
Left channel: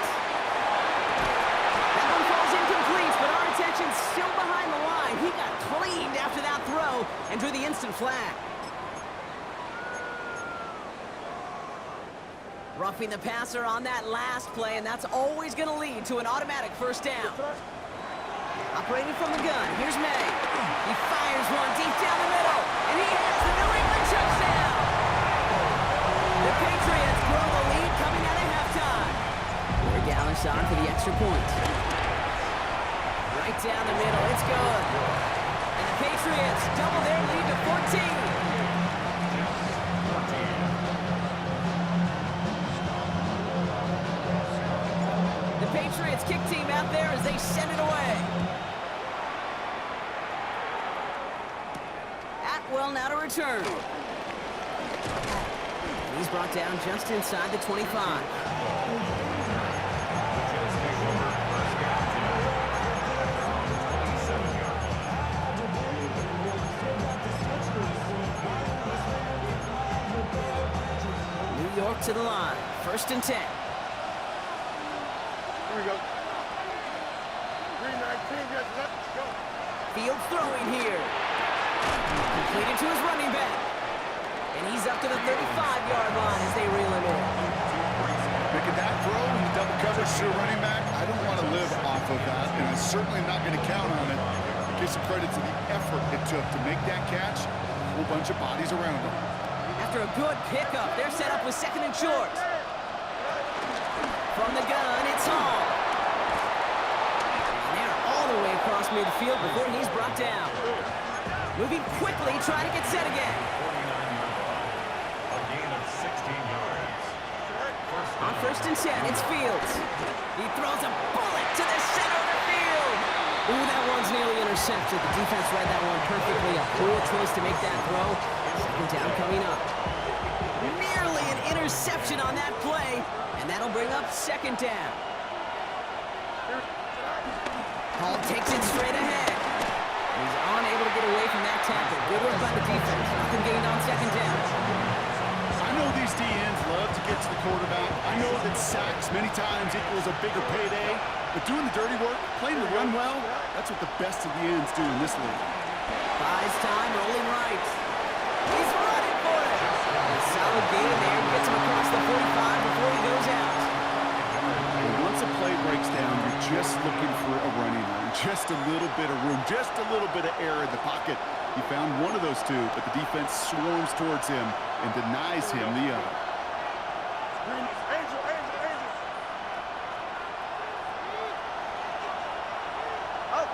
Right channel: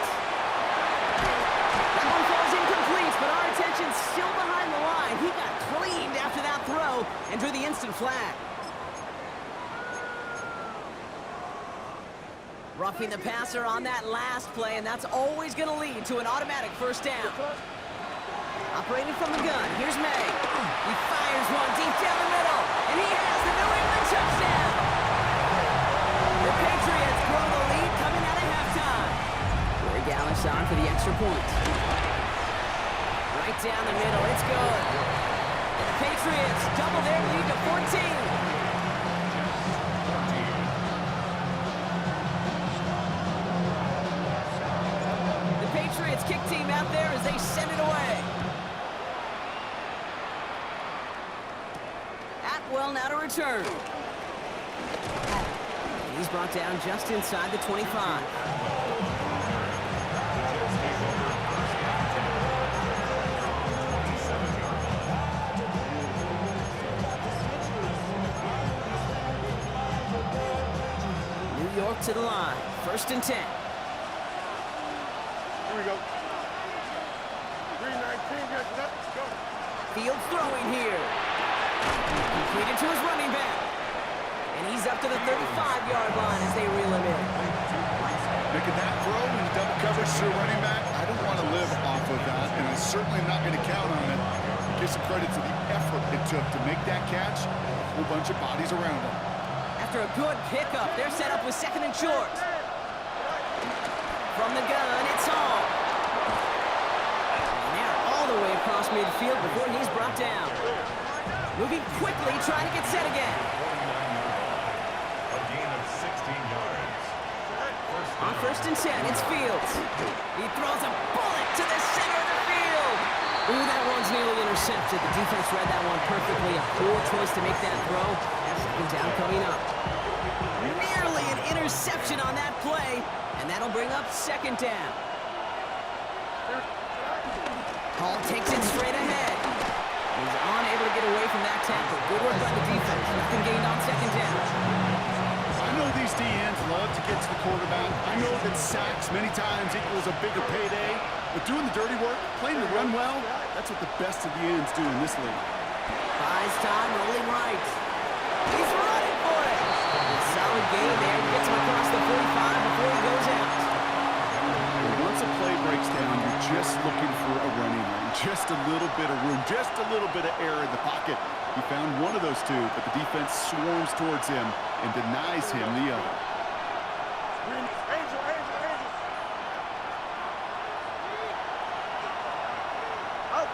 That one falls incomplete, but our attention's still behind the line. He got cleaned after that throw and drew the instant flag. Roughing the passer on that last play, and that's always going to lead to an automatic first down. Operating from the gun, here's May. He fires one deep down the middle, and he has the New England touchdown. The Patriots grow the lead coming out of halftime. Corey Gallis on for the extra point. Right down the middle, it's good. And the Patriots double their lead to 14. The Patriots kick team out there as they send it away. Atwell now to return. And he's brought down just inside the 25. The Jets take over first and 10 at their own 27-yard line. New York to the line. 1st and 10. Here we go. 319, yes, let's go. Fields throwing here. Completed to his running back. And he's up to the 35-yard line as they reel him in. Making that throw in double coverage to a running back, I don't want to live off of that, and I'm certainly not going to count on it. Give some credit to the effort it took to make that catch. A whole bunch of bodies around him. After a good pickup, they're set up with 2nd and short. From the gun, it's Hall. And they're all the way across midfield before he's brought down. Moving quickly, trying to get set again. 49-yard line. A gain of 16 yards. On 1st and 10, it's Fields. He throws a bullet to the center of the field. Ooh, that one's nearly intercepted. The defense read that one perfectly. A poor choice to make that throw. 2nd down coming up. Nearly an interception on that play, and that'll bring up 2nd down. Hall takes it straight ahead. He's unable to get away from that tackle. Good work by the defense. Nothing gained on 2nd down. I know these DNs love to get to the quarterback. I know that sacks many times equals a bigger payday, but doing the dirty work, playing the run well, that's what the best of the ends do in this league. Buys time, rolling right. He's running for it. A solid gain there. Gets him across the 45 before he goes out. And once a play breaks down, you're just looking for a running lane. Just a little bit of room, just a little bit of air in the pocket. He found one of those two, but the defense swarms towards him and denies him the other. Angel.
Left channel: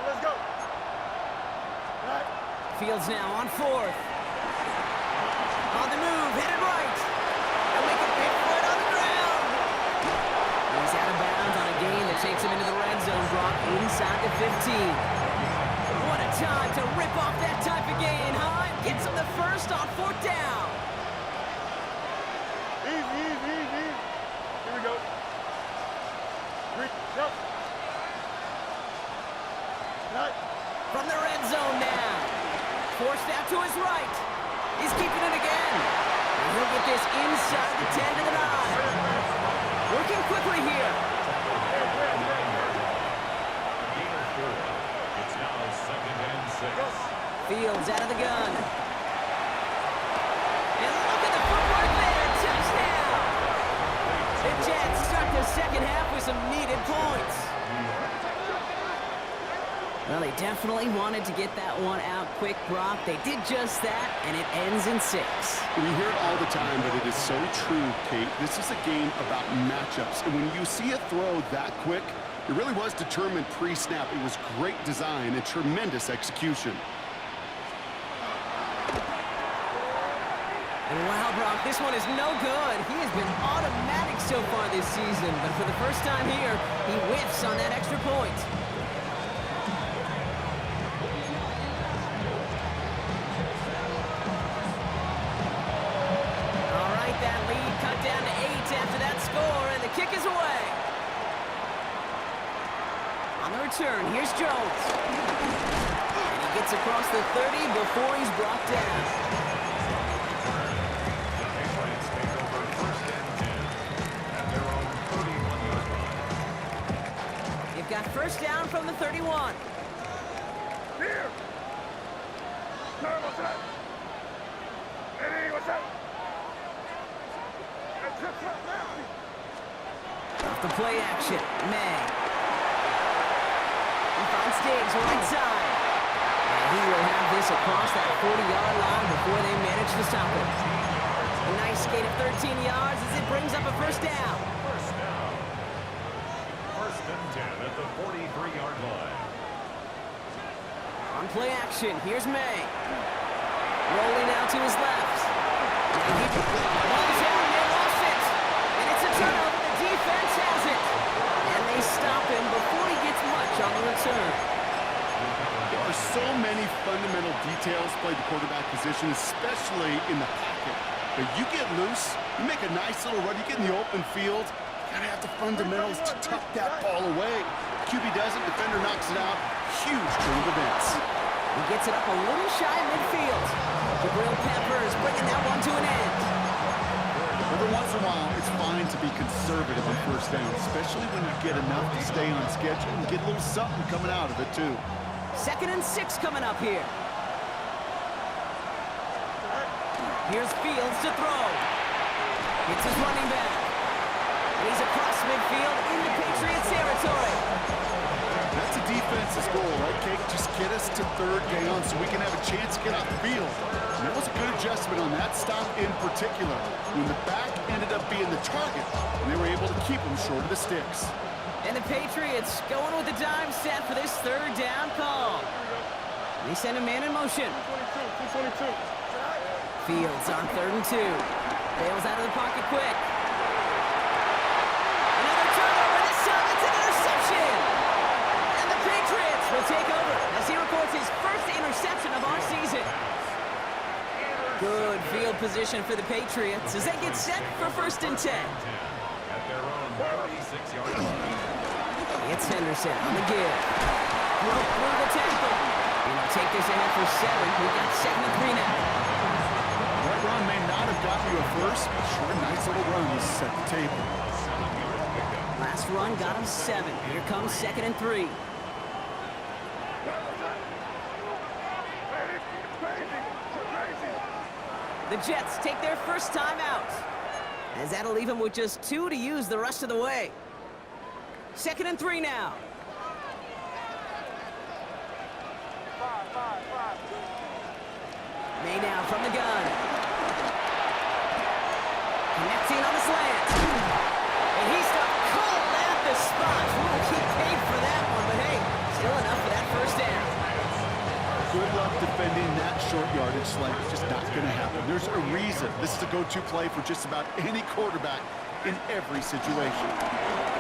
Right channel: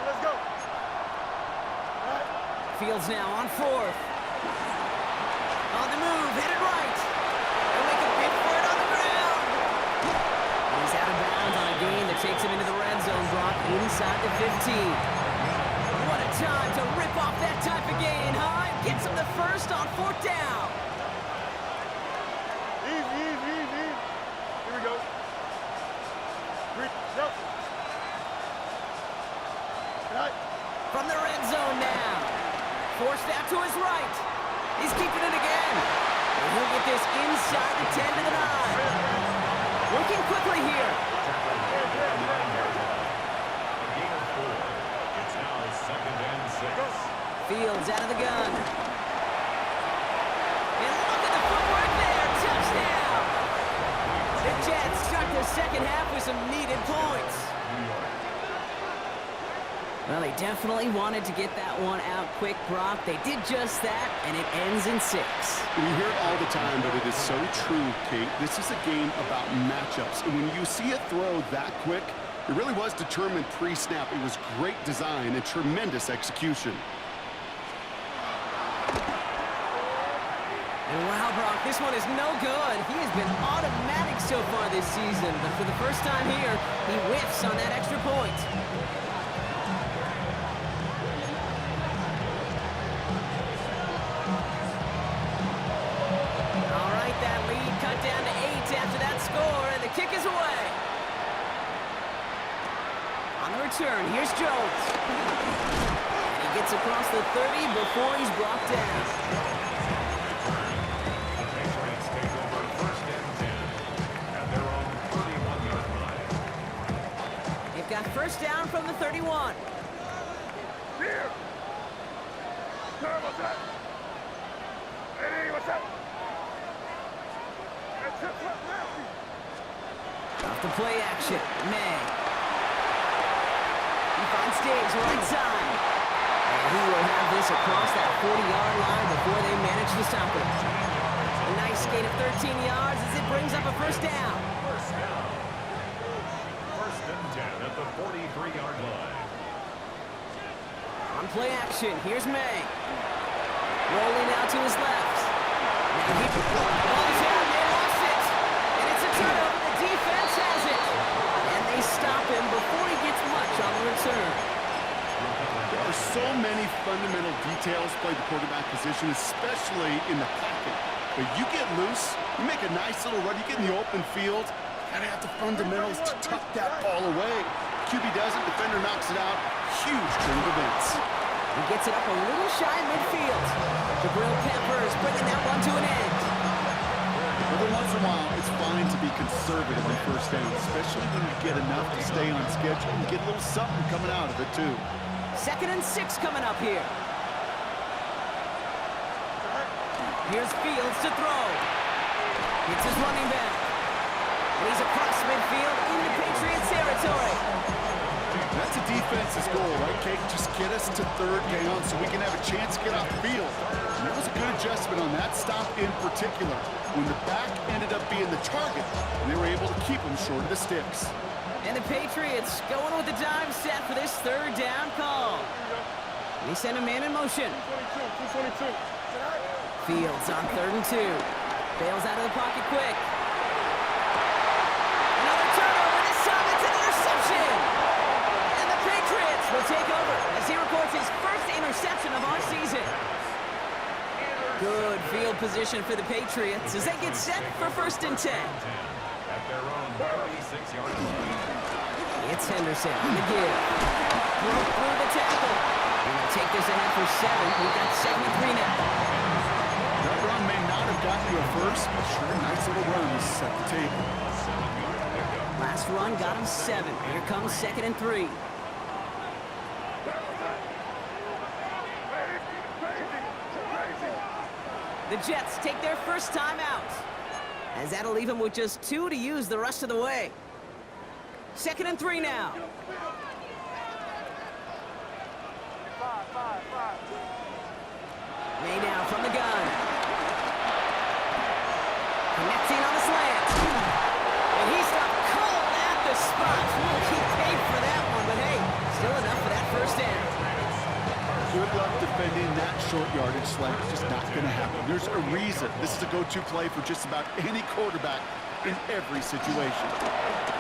Let's go. All right. Fields now on fourth. On the move, headed right. They'll make a bid for it on the ground. He's out of bounds on a gain that takes him into the red zone, Brock, inside the 15. What a time to rip off that type of gain, huh? Gets him the first on fourth down. Easy. Here we go. Go. All right. From the red zone now. Forced out to his right. He's keeping it again. And he'll get this inside the 10 to the 9. Working quickly here. A gain of 4. It's now 2nd and 6. Fields out of the gun. And look at the footwork there. Touchdown. The Jets start the second half with some needed points. Well, they definitely wanted to get that one out quick, Brock. They did just that, and it ends in 6. We hear it all the time, but it is so true, Kate. This is a game about matchups. And when you see a throw that quick, it really was determined pre-snap. It was great design and tremendous execution. And wow, Brock, this one is no good. He has been automatic so far this season, but for the first time here, he whiffs on that extra point. All right, that lead cut down to 8 after that score, and the kick is away. On the return, here's Jones. And he gets across the 30 before he's brought down. Take over 1st and 10 at their own 31-yard line. You've got first down from the 31. Here. Turn, what's that? Eddie, what's that? Off the play action, May. He finds Diggs right side. And he will have this across that 40-yard line before they manage to stop him. A nice gain of 13 yards as it brings up a first down. First down. 1st and 10 at the 43-yard line. On play action, here's May. Rolling out to his left. Now he balls out, they lost it. And it's a turnover, the defense has it. And they stop him before he gets much on the return. There are so many fundamental details played the quarterback position, especially in the pocket. But you get loose, you make a nice little run, you get in the open field, you gotta have the fundamentals to tuck that ball away. QB doesn't, defender knocks it out. Huge turn of events. He gets it up a little shy midfield. Jabril Peppers bringing that one to an end. Every once in a while, it's fine to be conservative on first down, especially when you get enough to stay on schedule and get a little something coming out of it, too. 2nd and 6 coming up here. Here's Fields to throw. It's his running back. And he's across midfield into Patriots territory. That's the defense's goal, right, Kate? Just get us to 3rd down so we can have a chance to get off the field. And that was a good adjustment on that stop in particular, when the back ended up being the target, and they were able to keep him short of the sticks. And the Patriots going with the dime set for this 3rd down call. They send a man in motion. 222. Fields on 3rd and 2. Bails out of the pocket quick. Another turnover. This time it's an interception. And the Patriots will take over as he records his first interception of our season. Good field position for the Patriots as they get set for 1st and 10. At their own 36-yard line. It's Henderson on the give. Broke through the tackle. And he'll take this ahead for 7. We've got 2nd and 3 now. That run may not have gotten you a first, but sure, a nice little run to set the table. A 7-yard pickup. Last run got him 7. Here comes 2nd and 3. The Jets take their first time out, as that'll leave him with just 2 to use the rest of the way. 2nd and 3 now. May now from the gun. Connecting on the slant. And he stopped cold at the spot. We'll keep paid for that one, but hey, Still enough for that first down. Good luck defending that short yardage slant. It's just not going to happen. There's a reason this is a go-to play for just about any quarterback in every situation.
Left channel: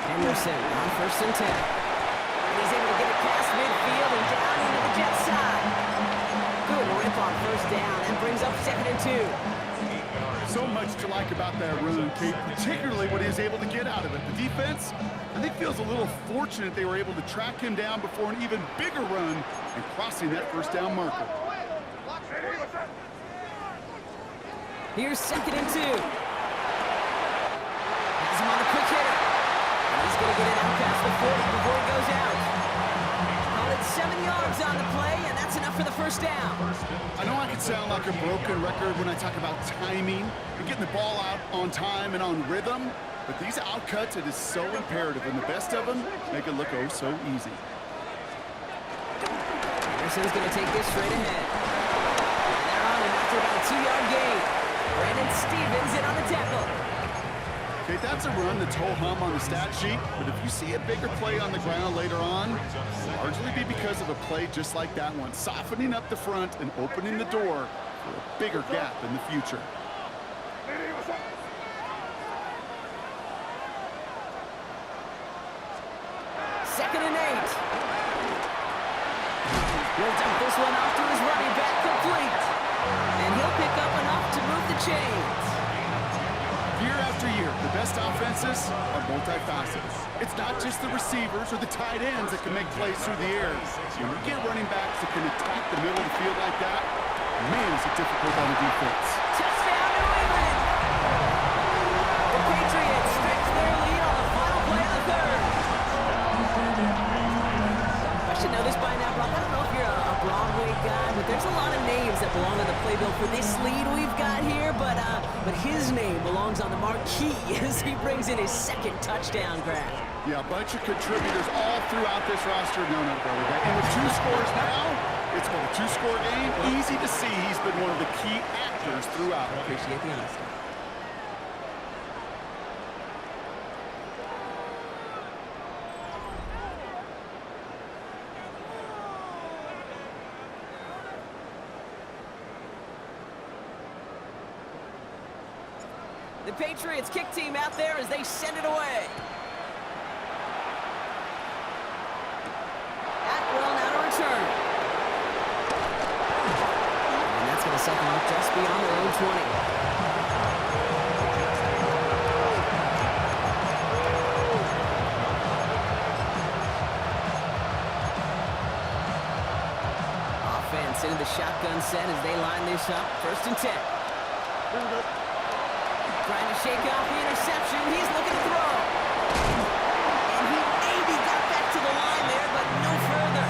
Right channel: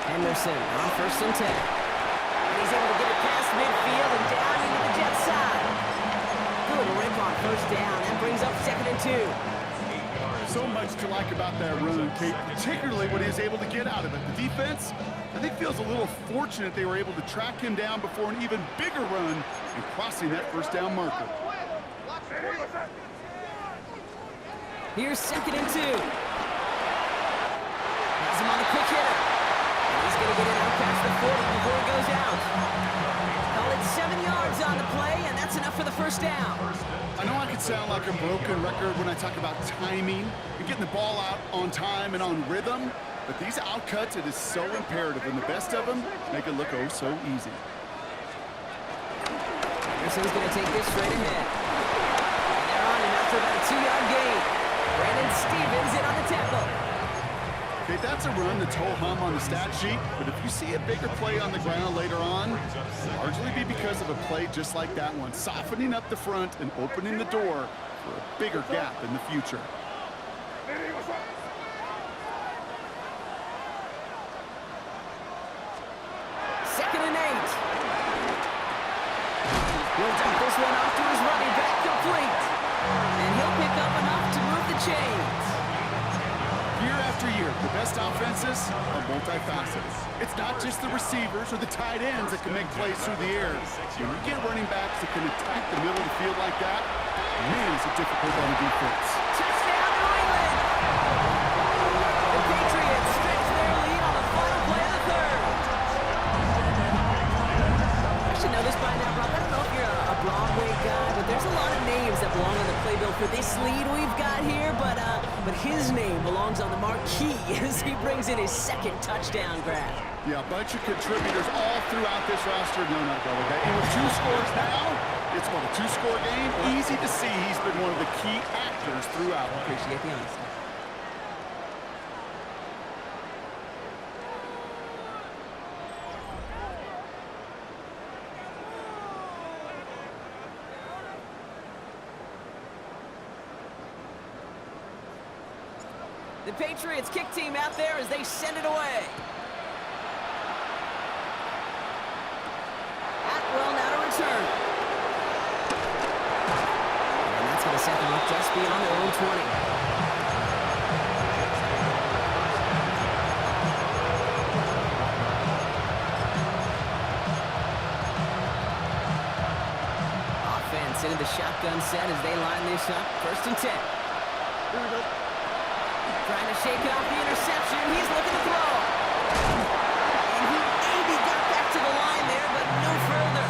Henderson on 1st and 10. And he's able to get it past midfield and down into the Jets side. Good rip on 1st down. That brings up 2nd and 2. So much to like about that run, Kate, particularly what he was able to get out of it. The defense, I think, feels a little fortunate they were able to track him down before an even bigger run and crossing that 1st down marker. Here's 2nd and 2. Has him on the quick hitter. And he's going to get it out past the 40 before he goes out. Call it 7 yards on the play, and that's enough for the 1st down. I know I could sound like a broken record when I talk about timing and getting the ball out on time and on rhythm, but these outcuts, it is so imperative, and the best of them make it look oh so easy. Anderson's going to take this straight ahead. And they're on him after about a 2-yard gain. Brandon Stevens in on the tackle. Okay, that's a run that's ho-hum on the stat sheet, but if you see a bigger play on the ground later on, it'll largely be because of a play just like that one, softening up the front and opening the door for a bigger gap in the future. Second and 8. He'll dump this one off to his running back, complete. And he'll pick up enough to move the chains. Year after year, the best offenses are multifaceted. It's not just the receivers or the tight ends that can make plays through the air. When you get running backs that can attack the middle of the field like that, man, is it difficult on the defense. Touchdown, New England! The Patriots stretch their lead on the final play of the 3rd. I should know this by now, Brock. I don't know if you're a Broadway guy, but there's a lot of names that belong on the playbill for this lead we've got here, but his name belongs on the marquee as he brings in his 2nd touchdown grab. Yeah, a bunch of contributors all throughout this roster. No, not a Broadway guy. And with 2 scores now, it's what, a 2-score game? Easy to see he's been one of the key actors throughout. Appreciate the honesty. The Patriots kick team out there as they send it away. Atwell now to return. And that's going to set them up just beyond their own 20. Offense into the shotgun set as they line this up. 1st and 10. Here we go. Trying to shake off the interception. He's looking to throw. And he maybe got back to the line there, but no further.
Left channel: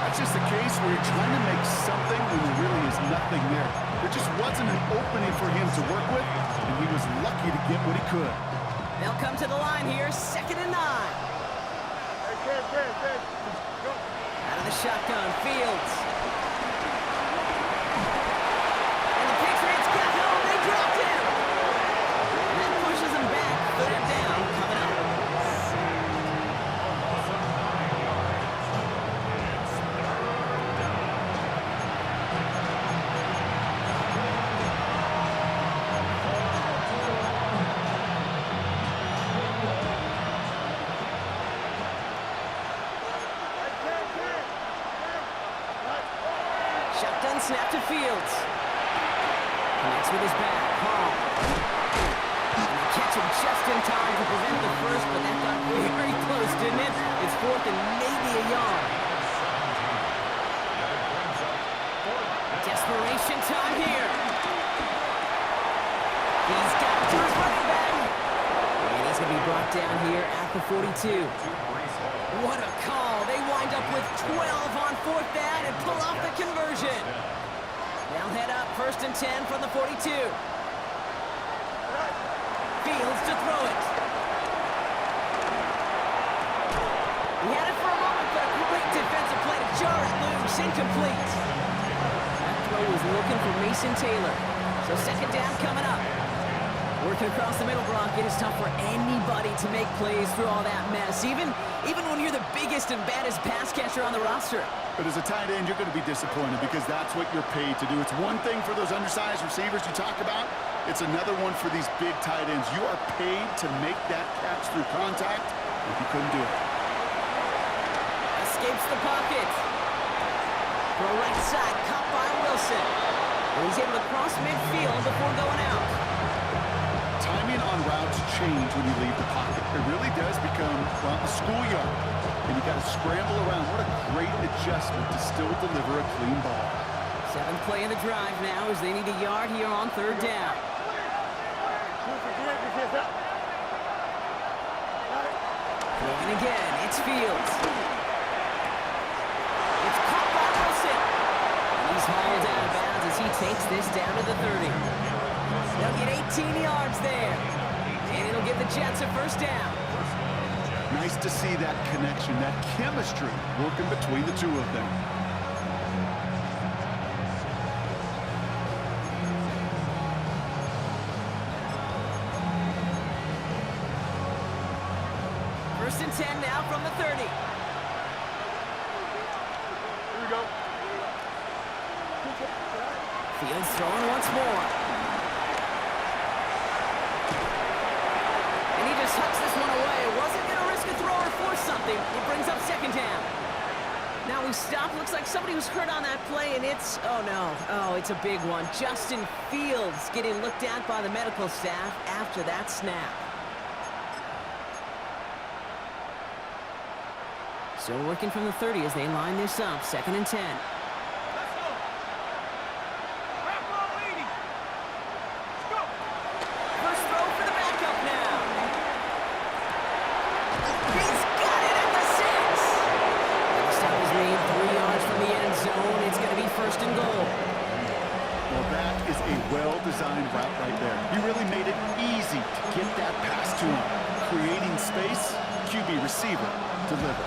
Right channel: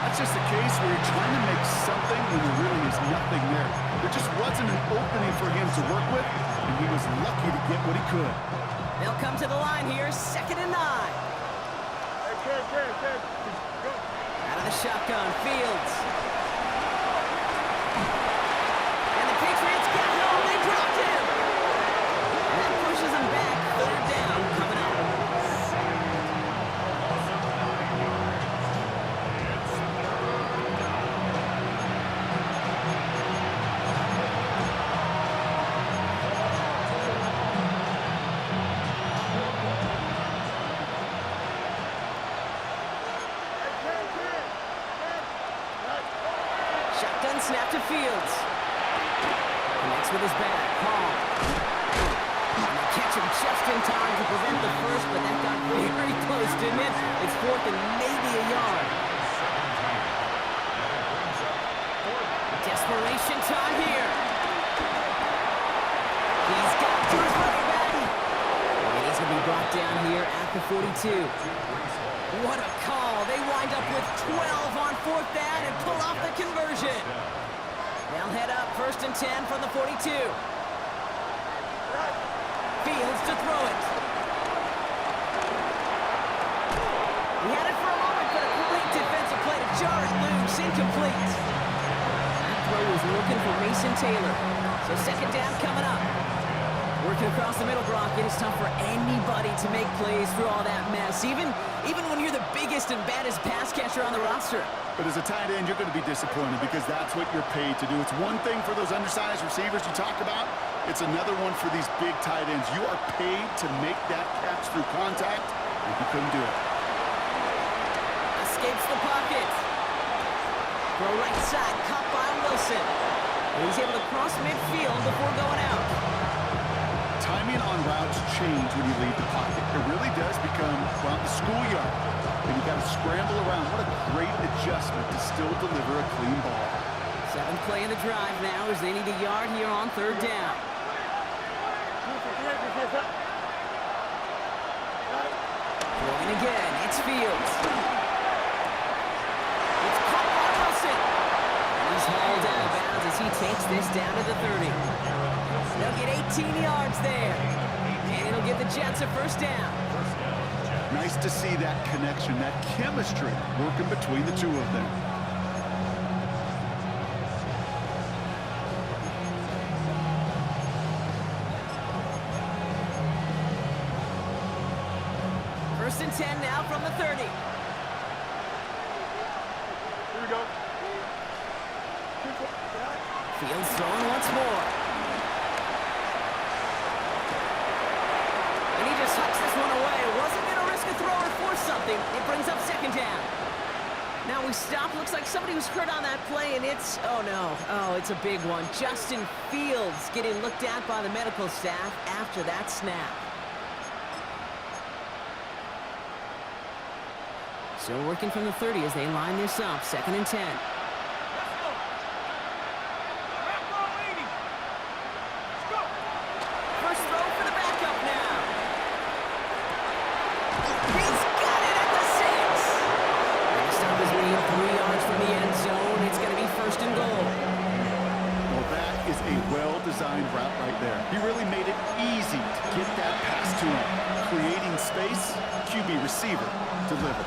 That's just a case where you're trying to make something when there really is nothing there. There just wasn't an opening for him to work with, and he was lucky to get what he could. They'll come to the line here, 2nd and 9. Hey, Cam. Go. Out of the shotgun, Fields. And the Patriots got home. They dropped him. And that pushes them back. 3rd down coming up. Shotgun snap to Fields. Connects with his back. Hall. And they catch him just in time to prevent the first, but that got very close, didn't it? It's 4th and maybe a yard. Desperation time here. He's got to his running back. And he's going to be brought down here at the 42. What a call. They wind up with 12 on 4th down and pull off the conversion. They'll head up 1st and 10 from the 42. Fields to throw it. He had it for a moment, but a great defensive play to jar it loose. Incomplete. That throw was looking for Mason Taylor. So 2nd down coming up. Working across the middle, Brock, it is tough for anybody to make plays through all that mess, even when you're the biggest and baddest pass catcher on the roster. But as a tight end, you're going to be disappointed because that's what you're paid to do. It's one thing for those undersized receivers you talk about. It's another one for these big tight ends. You are paid to make that catch through contact, and he couldn't do it. Escapes the pocket. Throw right side, caught by Wilson. And he's able to cross midfield before going out. Timing on routes change when you leave the pocket. It really does become, well, the schoolyard. And you got to scramble around. What a great adjustment to still deliver a clean ball. 7th play of the drive now as they need a yard here on 3rd down. Throwing again, it's Fields. It's caught by Wilson. And he's hauled out of bounds as he takes this down to the 30. They'll get 18 yards there. And it'll give the Jets a 1st down. Nice to see that connection, that chemistry working between the two of them. First and 10 now from the 30. Here we go. Fields throwing once more. And he just hucks this one away. Wasn't going to risk a throw or force something. It brings up 2nd down. Now we stop. Looks like somebody was hurt on that play, and it's, oh no. Oh, it's a big one. Justin Fields getting looked at by the medical staff after that snap. Still working from the 30 as they line this up. 2nd and 10. Let's go. Grab ball 80. Let's go. First throw for the backup now. He's got it at the 6. And the stop is made 3 yards from the end zone. It's going to be 1st and goal. Well, that is a well-designed route right there. He really made it easy to get that pass to him. Creating space, QB receiver, deliver.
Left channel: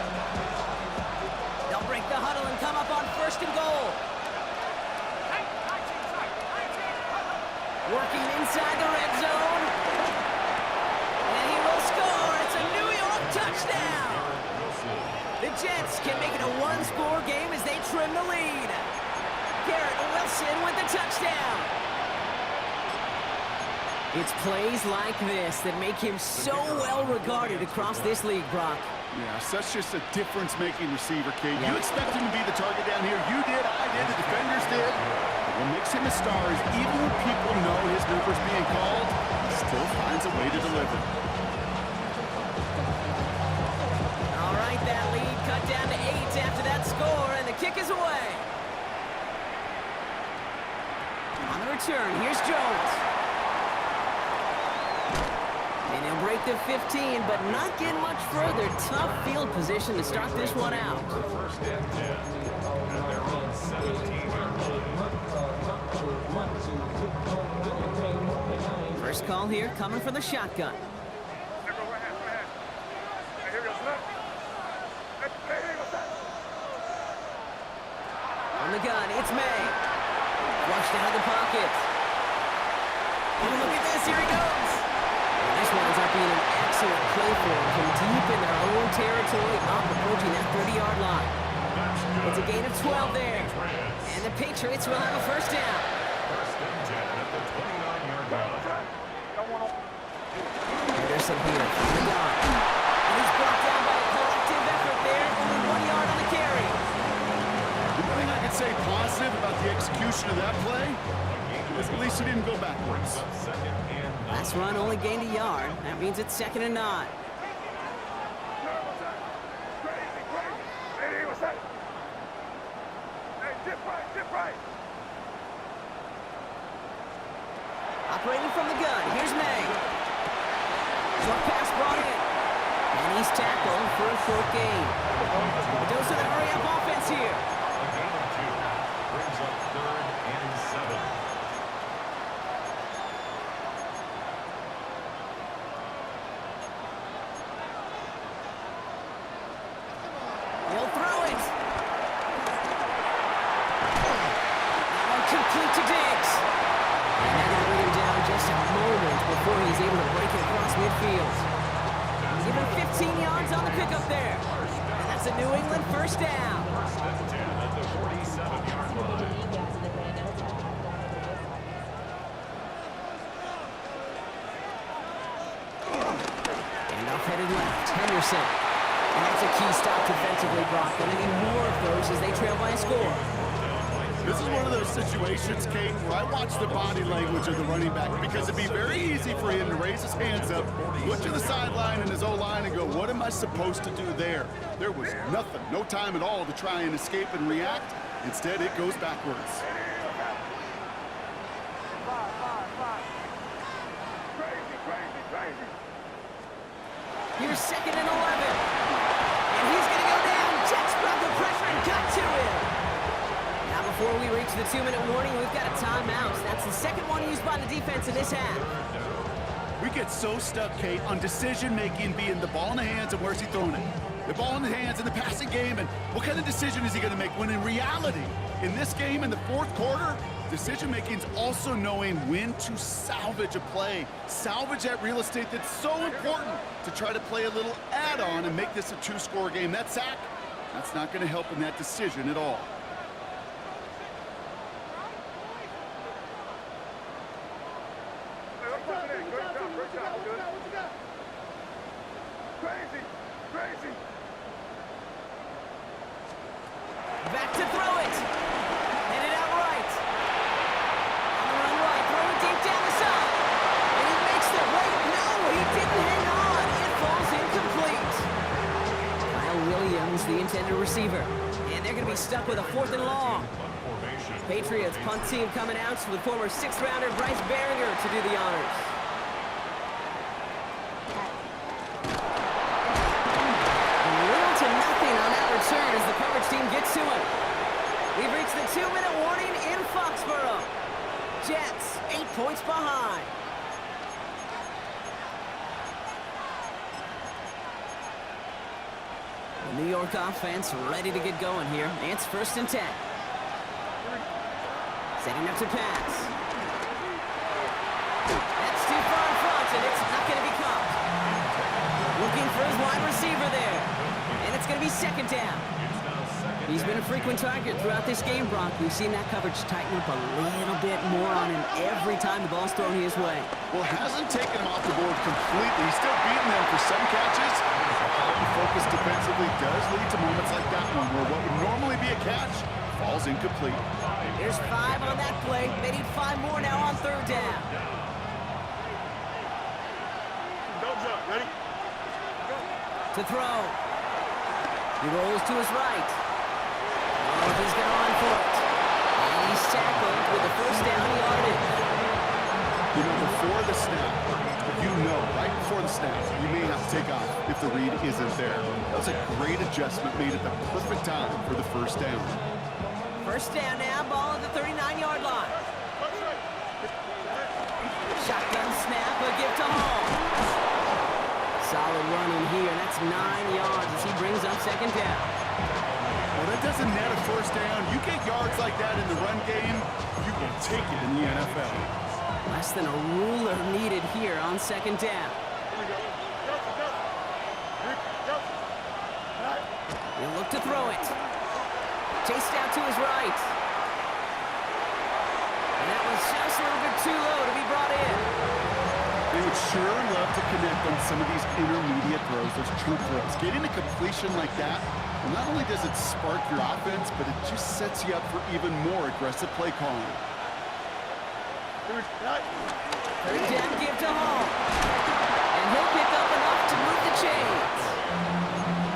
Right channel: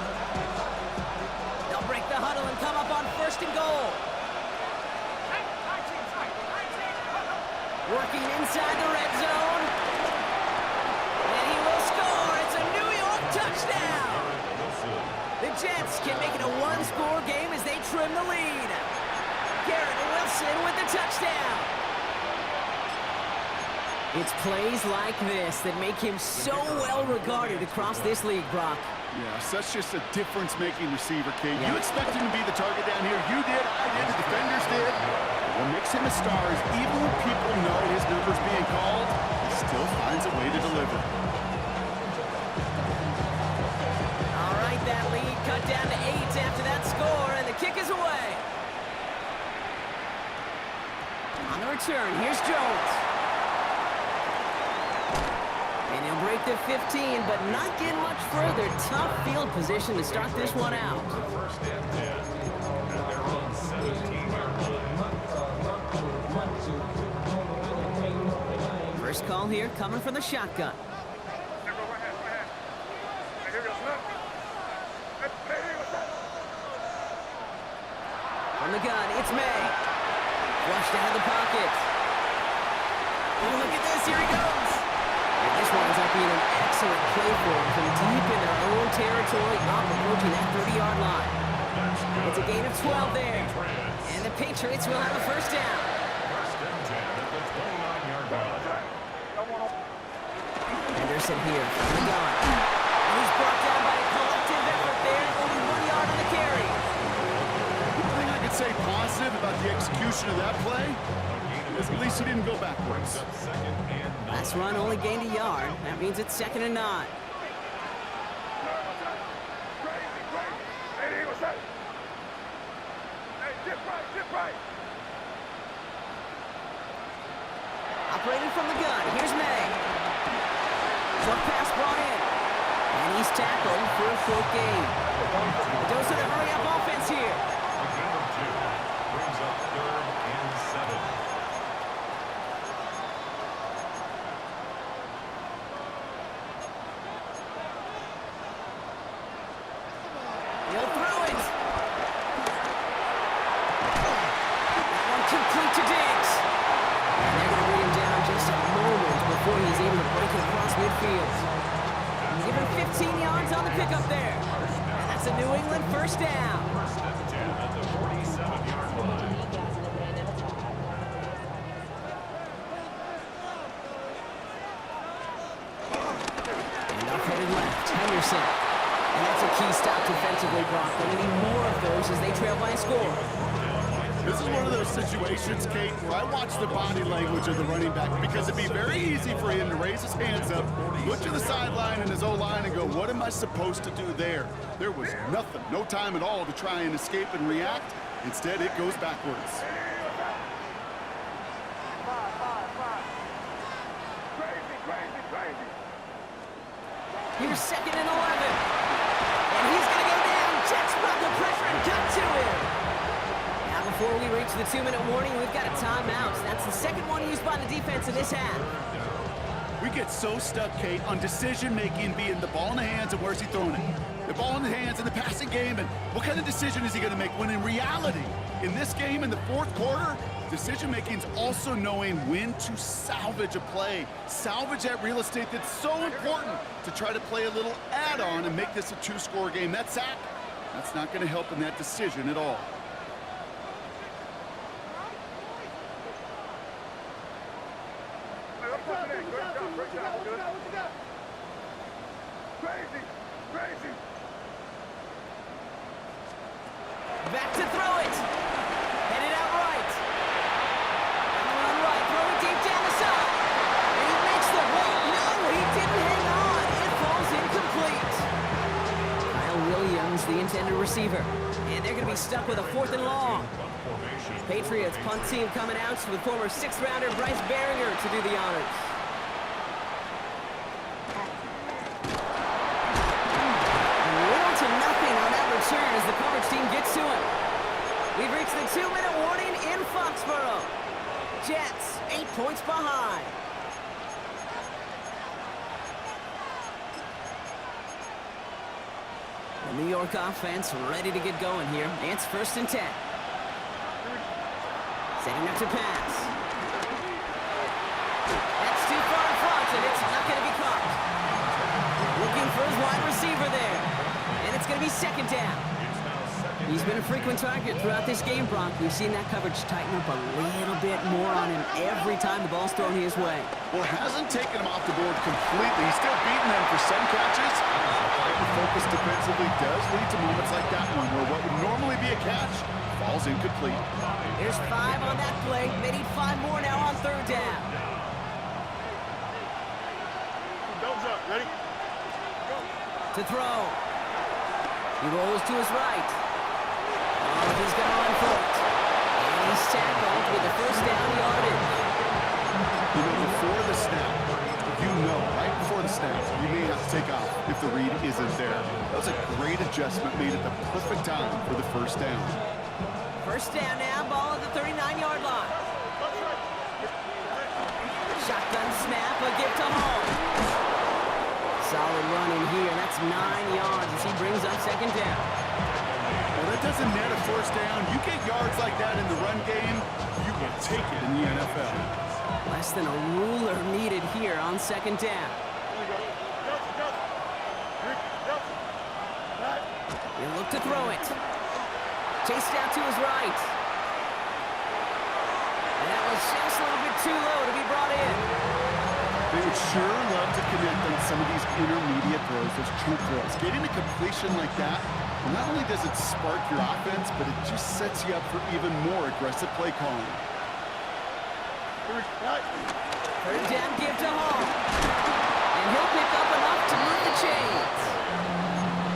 They'll break the huddle and come up on 1st and goal. Working inside the red zone. And he will score. It's a New York touchdown. The Jets can make it a 1-score game as they trim the lead. Garrett Wilson with the touchdown. It's plays like this that make him so well regarded across this league, Brock. Yeah, such just a difference-making receiver, Kate. You expect him to be the target down here. You did, I did, the defenders did. But what makes him a star is even when people know his number's being called, he still finds a way to deliver. All right, that lead cut down to 8 after that score, and the kick is away. On the return, here's Jones. And he'll break the 15, but not get much further. Tough field position to start this one out. 1st and 10 at their own 17-yard line. First call here coming from the shotgun. Here go, right hand. Hey, here we go, snap. Hey, what's that? From the gun, it's May. Flushed out of the pocket. Oh, look at this, here he goes. And this winds up being an excellent play for him from deep in their own territory, up approaching that 30-yard line. It's a gain of 12 there. And the Patriots will have a 1st down. 1st and 10 at the 29-yard line. Henderson here from the gun. And he's brought down by a collective effort there. Only 1 yard on the carry. The thing I could say positive about the execution of that play is at least he didn't go backwards. Last run only gained a yard. That means it's 2nd and 9. Hey, what's that? Hey, dip right. Operating from the gun, here's May. Short pass brought in. And he's tackled for a 4th gain. A dose of the hurry-up offense here. A gain of 2 brings up 3rd and 7. He'll throw it. That one complete to Diggs. And they're going to bring him down just a moment before he's able to break it across midfield. He's given 15 yards on the pickup there. And that's a New England first down. First and 10 at the 47-yard line. And off headed left, Henderson. And that's a key stop defensively, Brock. Going to need more of those as they trail by a score. This is one of those situations, Kate, where I watch the body language of the running back because it'd be very easy for him to raise his hands up, look to the sideline and his O-line and go, what am I supposed to do there? There was nothing, no time at all to try and escape and react. Instead, it goes backwards. Crazy. Here's 2nd and 11. And he's going to go down. Jets brought the pressure and got to him. Now before we reach the 2-minute warning, we've got a timeout. That's the second one used by the defense in this half. We get so stuck, Kate, on decision-making being the ball in the hands and where's he throwing it. The ball in the hands in the passing game, and what kind of decision is he going to make? When in reality, in this game, in the fourth quarter, decision-making is also knowing when to salvage a play. Salvage that real estate that's so important to try to play a little add-on and make this a 2-score game. That sack, that's not going to help in that decision at all. Crazy. Back to throw it. Headed out right. On the run right. Throwing deep down the side. And he makes the wait. No, he didn't hang on. It falls incomplete. Kyle Williams, the intended receiver. And they're going to be stuck with a 4th and long. Patriots punt team coming out with former 6th-rounder Bryce Baringer to do the honors. Little to nothing on that return as the coverage team gets to him. We've reached the 2-minute warning in Foxborough. Jets 8 points behind. The New York offense ready to get going here. It's 1st and 10. Setting up to pass. That's too far in front, and it's not going to be caught. Looking for his wide receiver there. And it's going to be 2nd down. He's been a frequent target throughout this game, Brock. We've seen that coverage tighten up a little bit more on him every time the ball's thrown his way. Well, hasn't taken him off the board completely. He's still beating them for some catches. The focus defensively does lead to moments like that one, where what would normally be a catch falls incomplete. There's 5 on that play. They need 5 more now on 3rd down. Don't jump. Ready? Go. To throw. He rolls to his right. Oh, he's going to run for it. And he's tackled with the 1st down yardage. You know, before the snap, right before the snap, you may have to take off if the read isn't there. That was a great adjustment made at the perfect time for the 1st down. 1st down now, ball at the 39-yard line. Shotgun snap, a give to Hall. Solid run in here, and that's 9 yards as he brings up 2nd down. Well, that doesn't net a 1st down. You get yards like that in the run game, you will take it in the NFL. Less than a ruler needed here on 2nd down. He'll look to throw it. Chased out to his right. And that was just a little bit too low to be brought in. They would sure love to connect on some of these intermediate throws, those true throws. Getting a completion like that, well, not only does it spark your offense, but it just sets you up for even more aggressive play calling. 3rd down give to Hall. And he'll pick up enough to move the chains.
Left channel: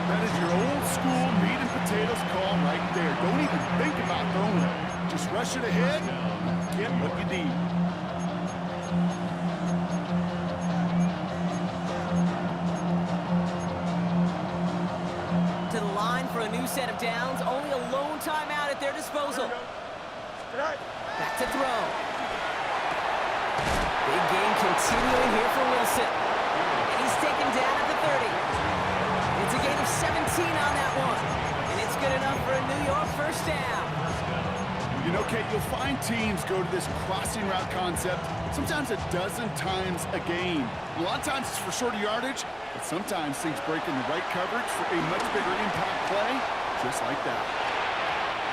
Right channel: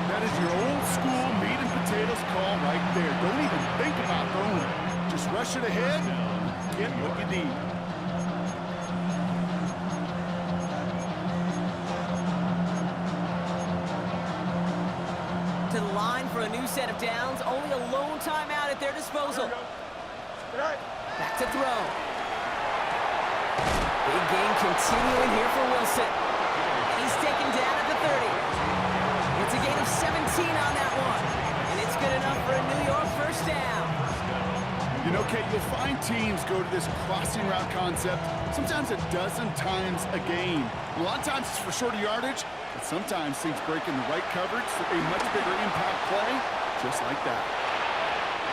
That is your old school meat and potatoes call right there. Don't even think about throwing it. Just rush it ahead and get what you need. To the line for a new set of downs. Only a lone timeout at their disposal. Back to throw. Big game continuing here for Wilson. And he's taken down at the 30. It's a gain of 17 on that one. And it's good enough for a New York 1st down. You know, Kate, you'll find teams go to this crossing route concept sometimes a dozen times a game. A lot of times it's for shorter yardage, but sometimes things break in the right coverage for a much bigger impact play, just like that.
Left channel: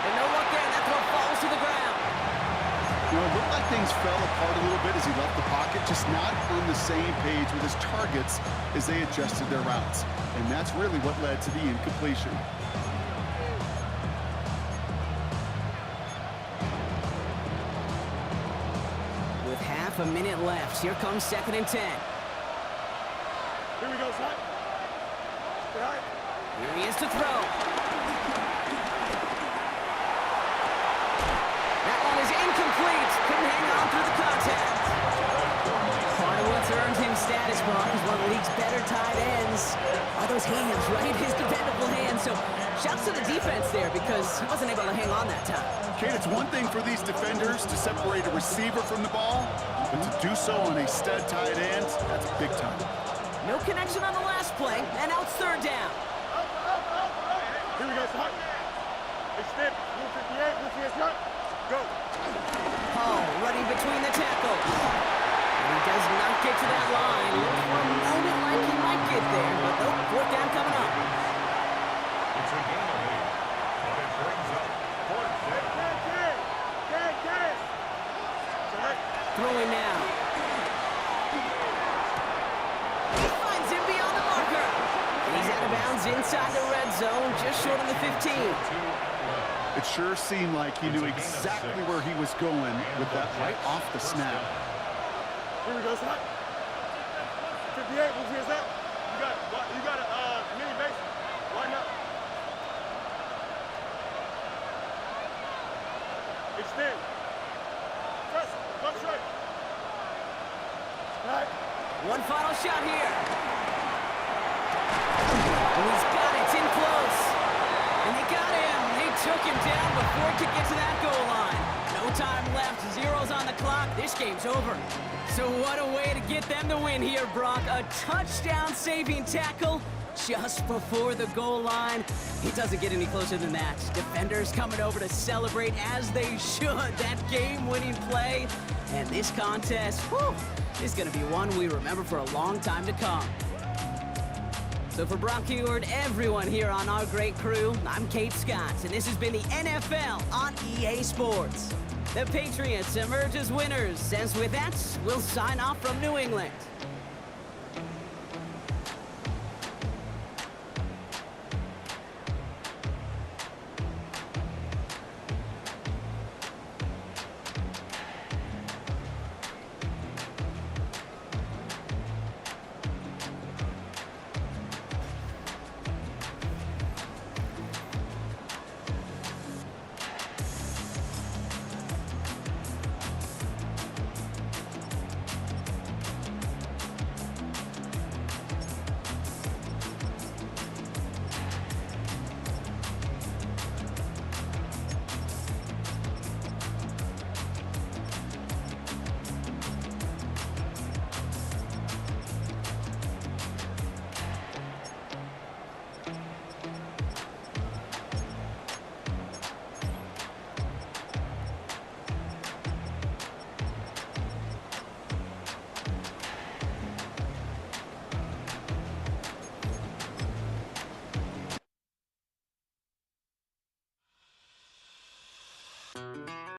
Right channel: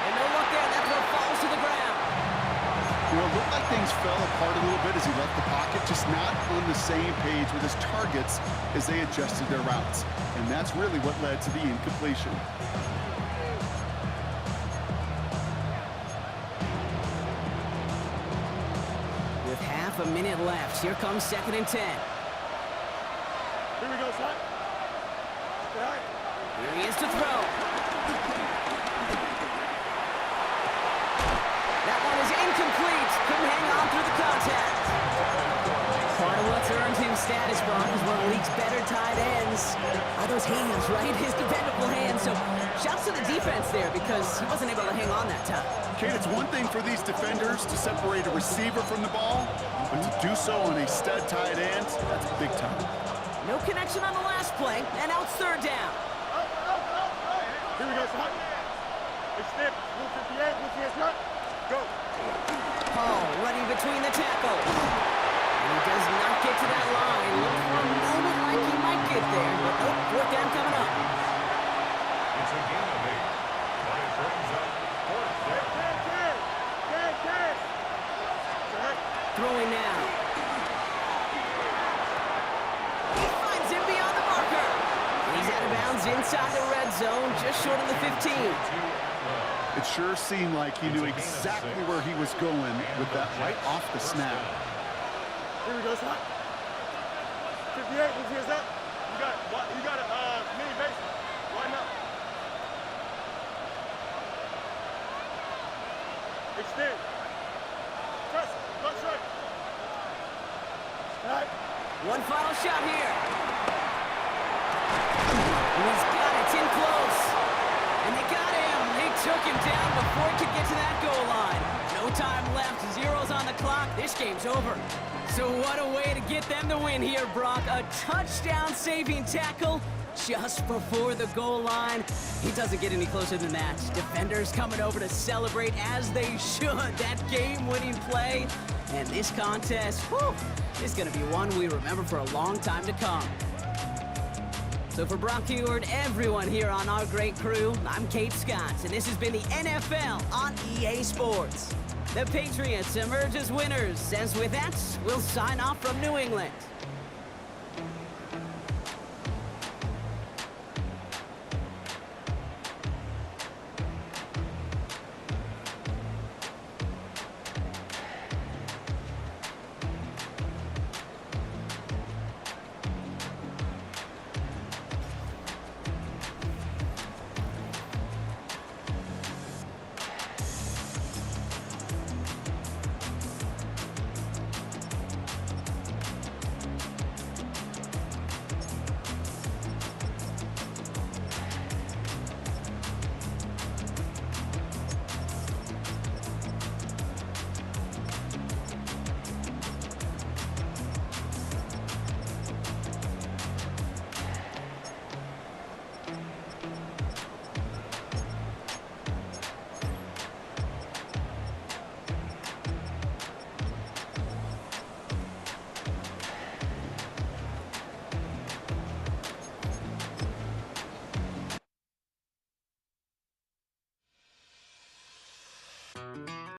And no look there, that throw falls to the ground. You know, it looked like things fell apart a little bit as he left the pocket, just not on the same page with his targets as they adjusted their routes. And that's really what led to the incompletion. With half a minute left, here comes 2nd and 10. Here we go, son. Get high. Here he is to throw. That one is incomplete. Couldn't hang on through the contact. Part of what's earned him status, Brock, is one of the league's better tight ends. Are those hands, right? His dependable hands. So shouts to the defense there because he wasn't able to hang on that time. Kate, it's one thing for these defenders to separate a receiver from the ball, but to do so on a stud tight end, that's big time. No connection on the last play, and now it's 3rd down. Here we go, son. Extend. Blue 58, blue 58, son. Go. Hall running between the tackles. And he does not get to that line. Looked for a moment like he might get there, but nope, 4th down coming up. It's a gain of 8, but it brings up 4th down. Throwing now. He finds him beyond the marker. And he's out of bounds inside the red zone, just short of the 15. It sure seemed like he knew exactly where he was going with that right off the snap. Here we go, son. 58, blue 58, son. You got a mini base. Line up. Extend. Press. Go straight. All right. One final shot here. And he's got it. It's in close. And they got him. They took him down before he could get to that goal line. No time left. Zeros on the clock. This game's over. So what a way to get them to win here, Brock. A touchdown-saving tackle just before the goal line. He doesn't get any closer than that. Defenders coming over to celebrate as they should. That game-winning play. And this contest, whew, is going to be one we remember for a long time to come. So for Brock Huard, everyone here on our great crew, I'm Kate Scott, and this has been the NFL on EA Sports. The Patriots emerge as winners, as with that, we'll sign off from New England.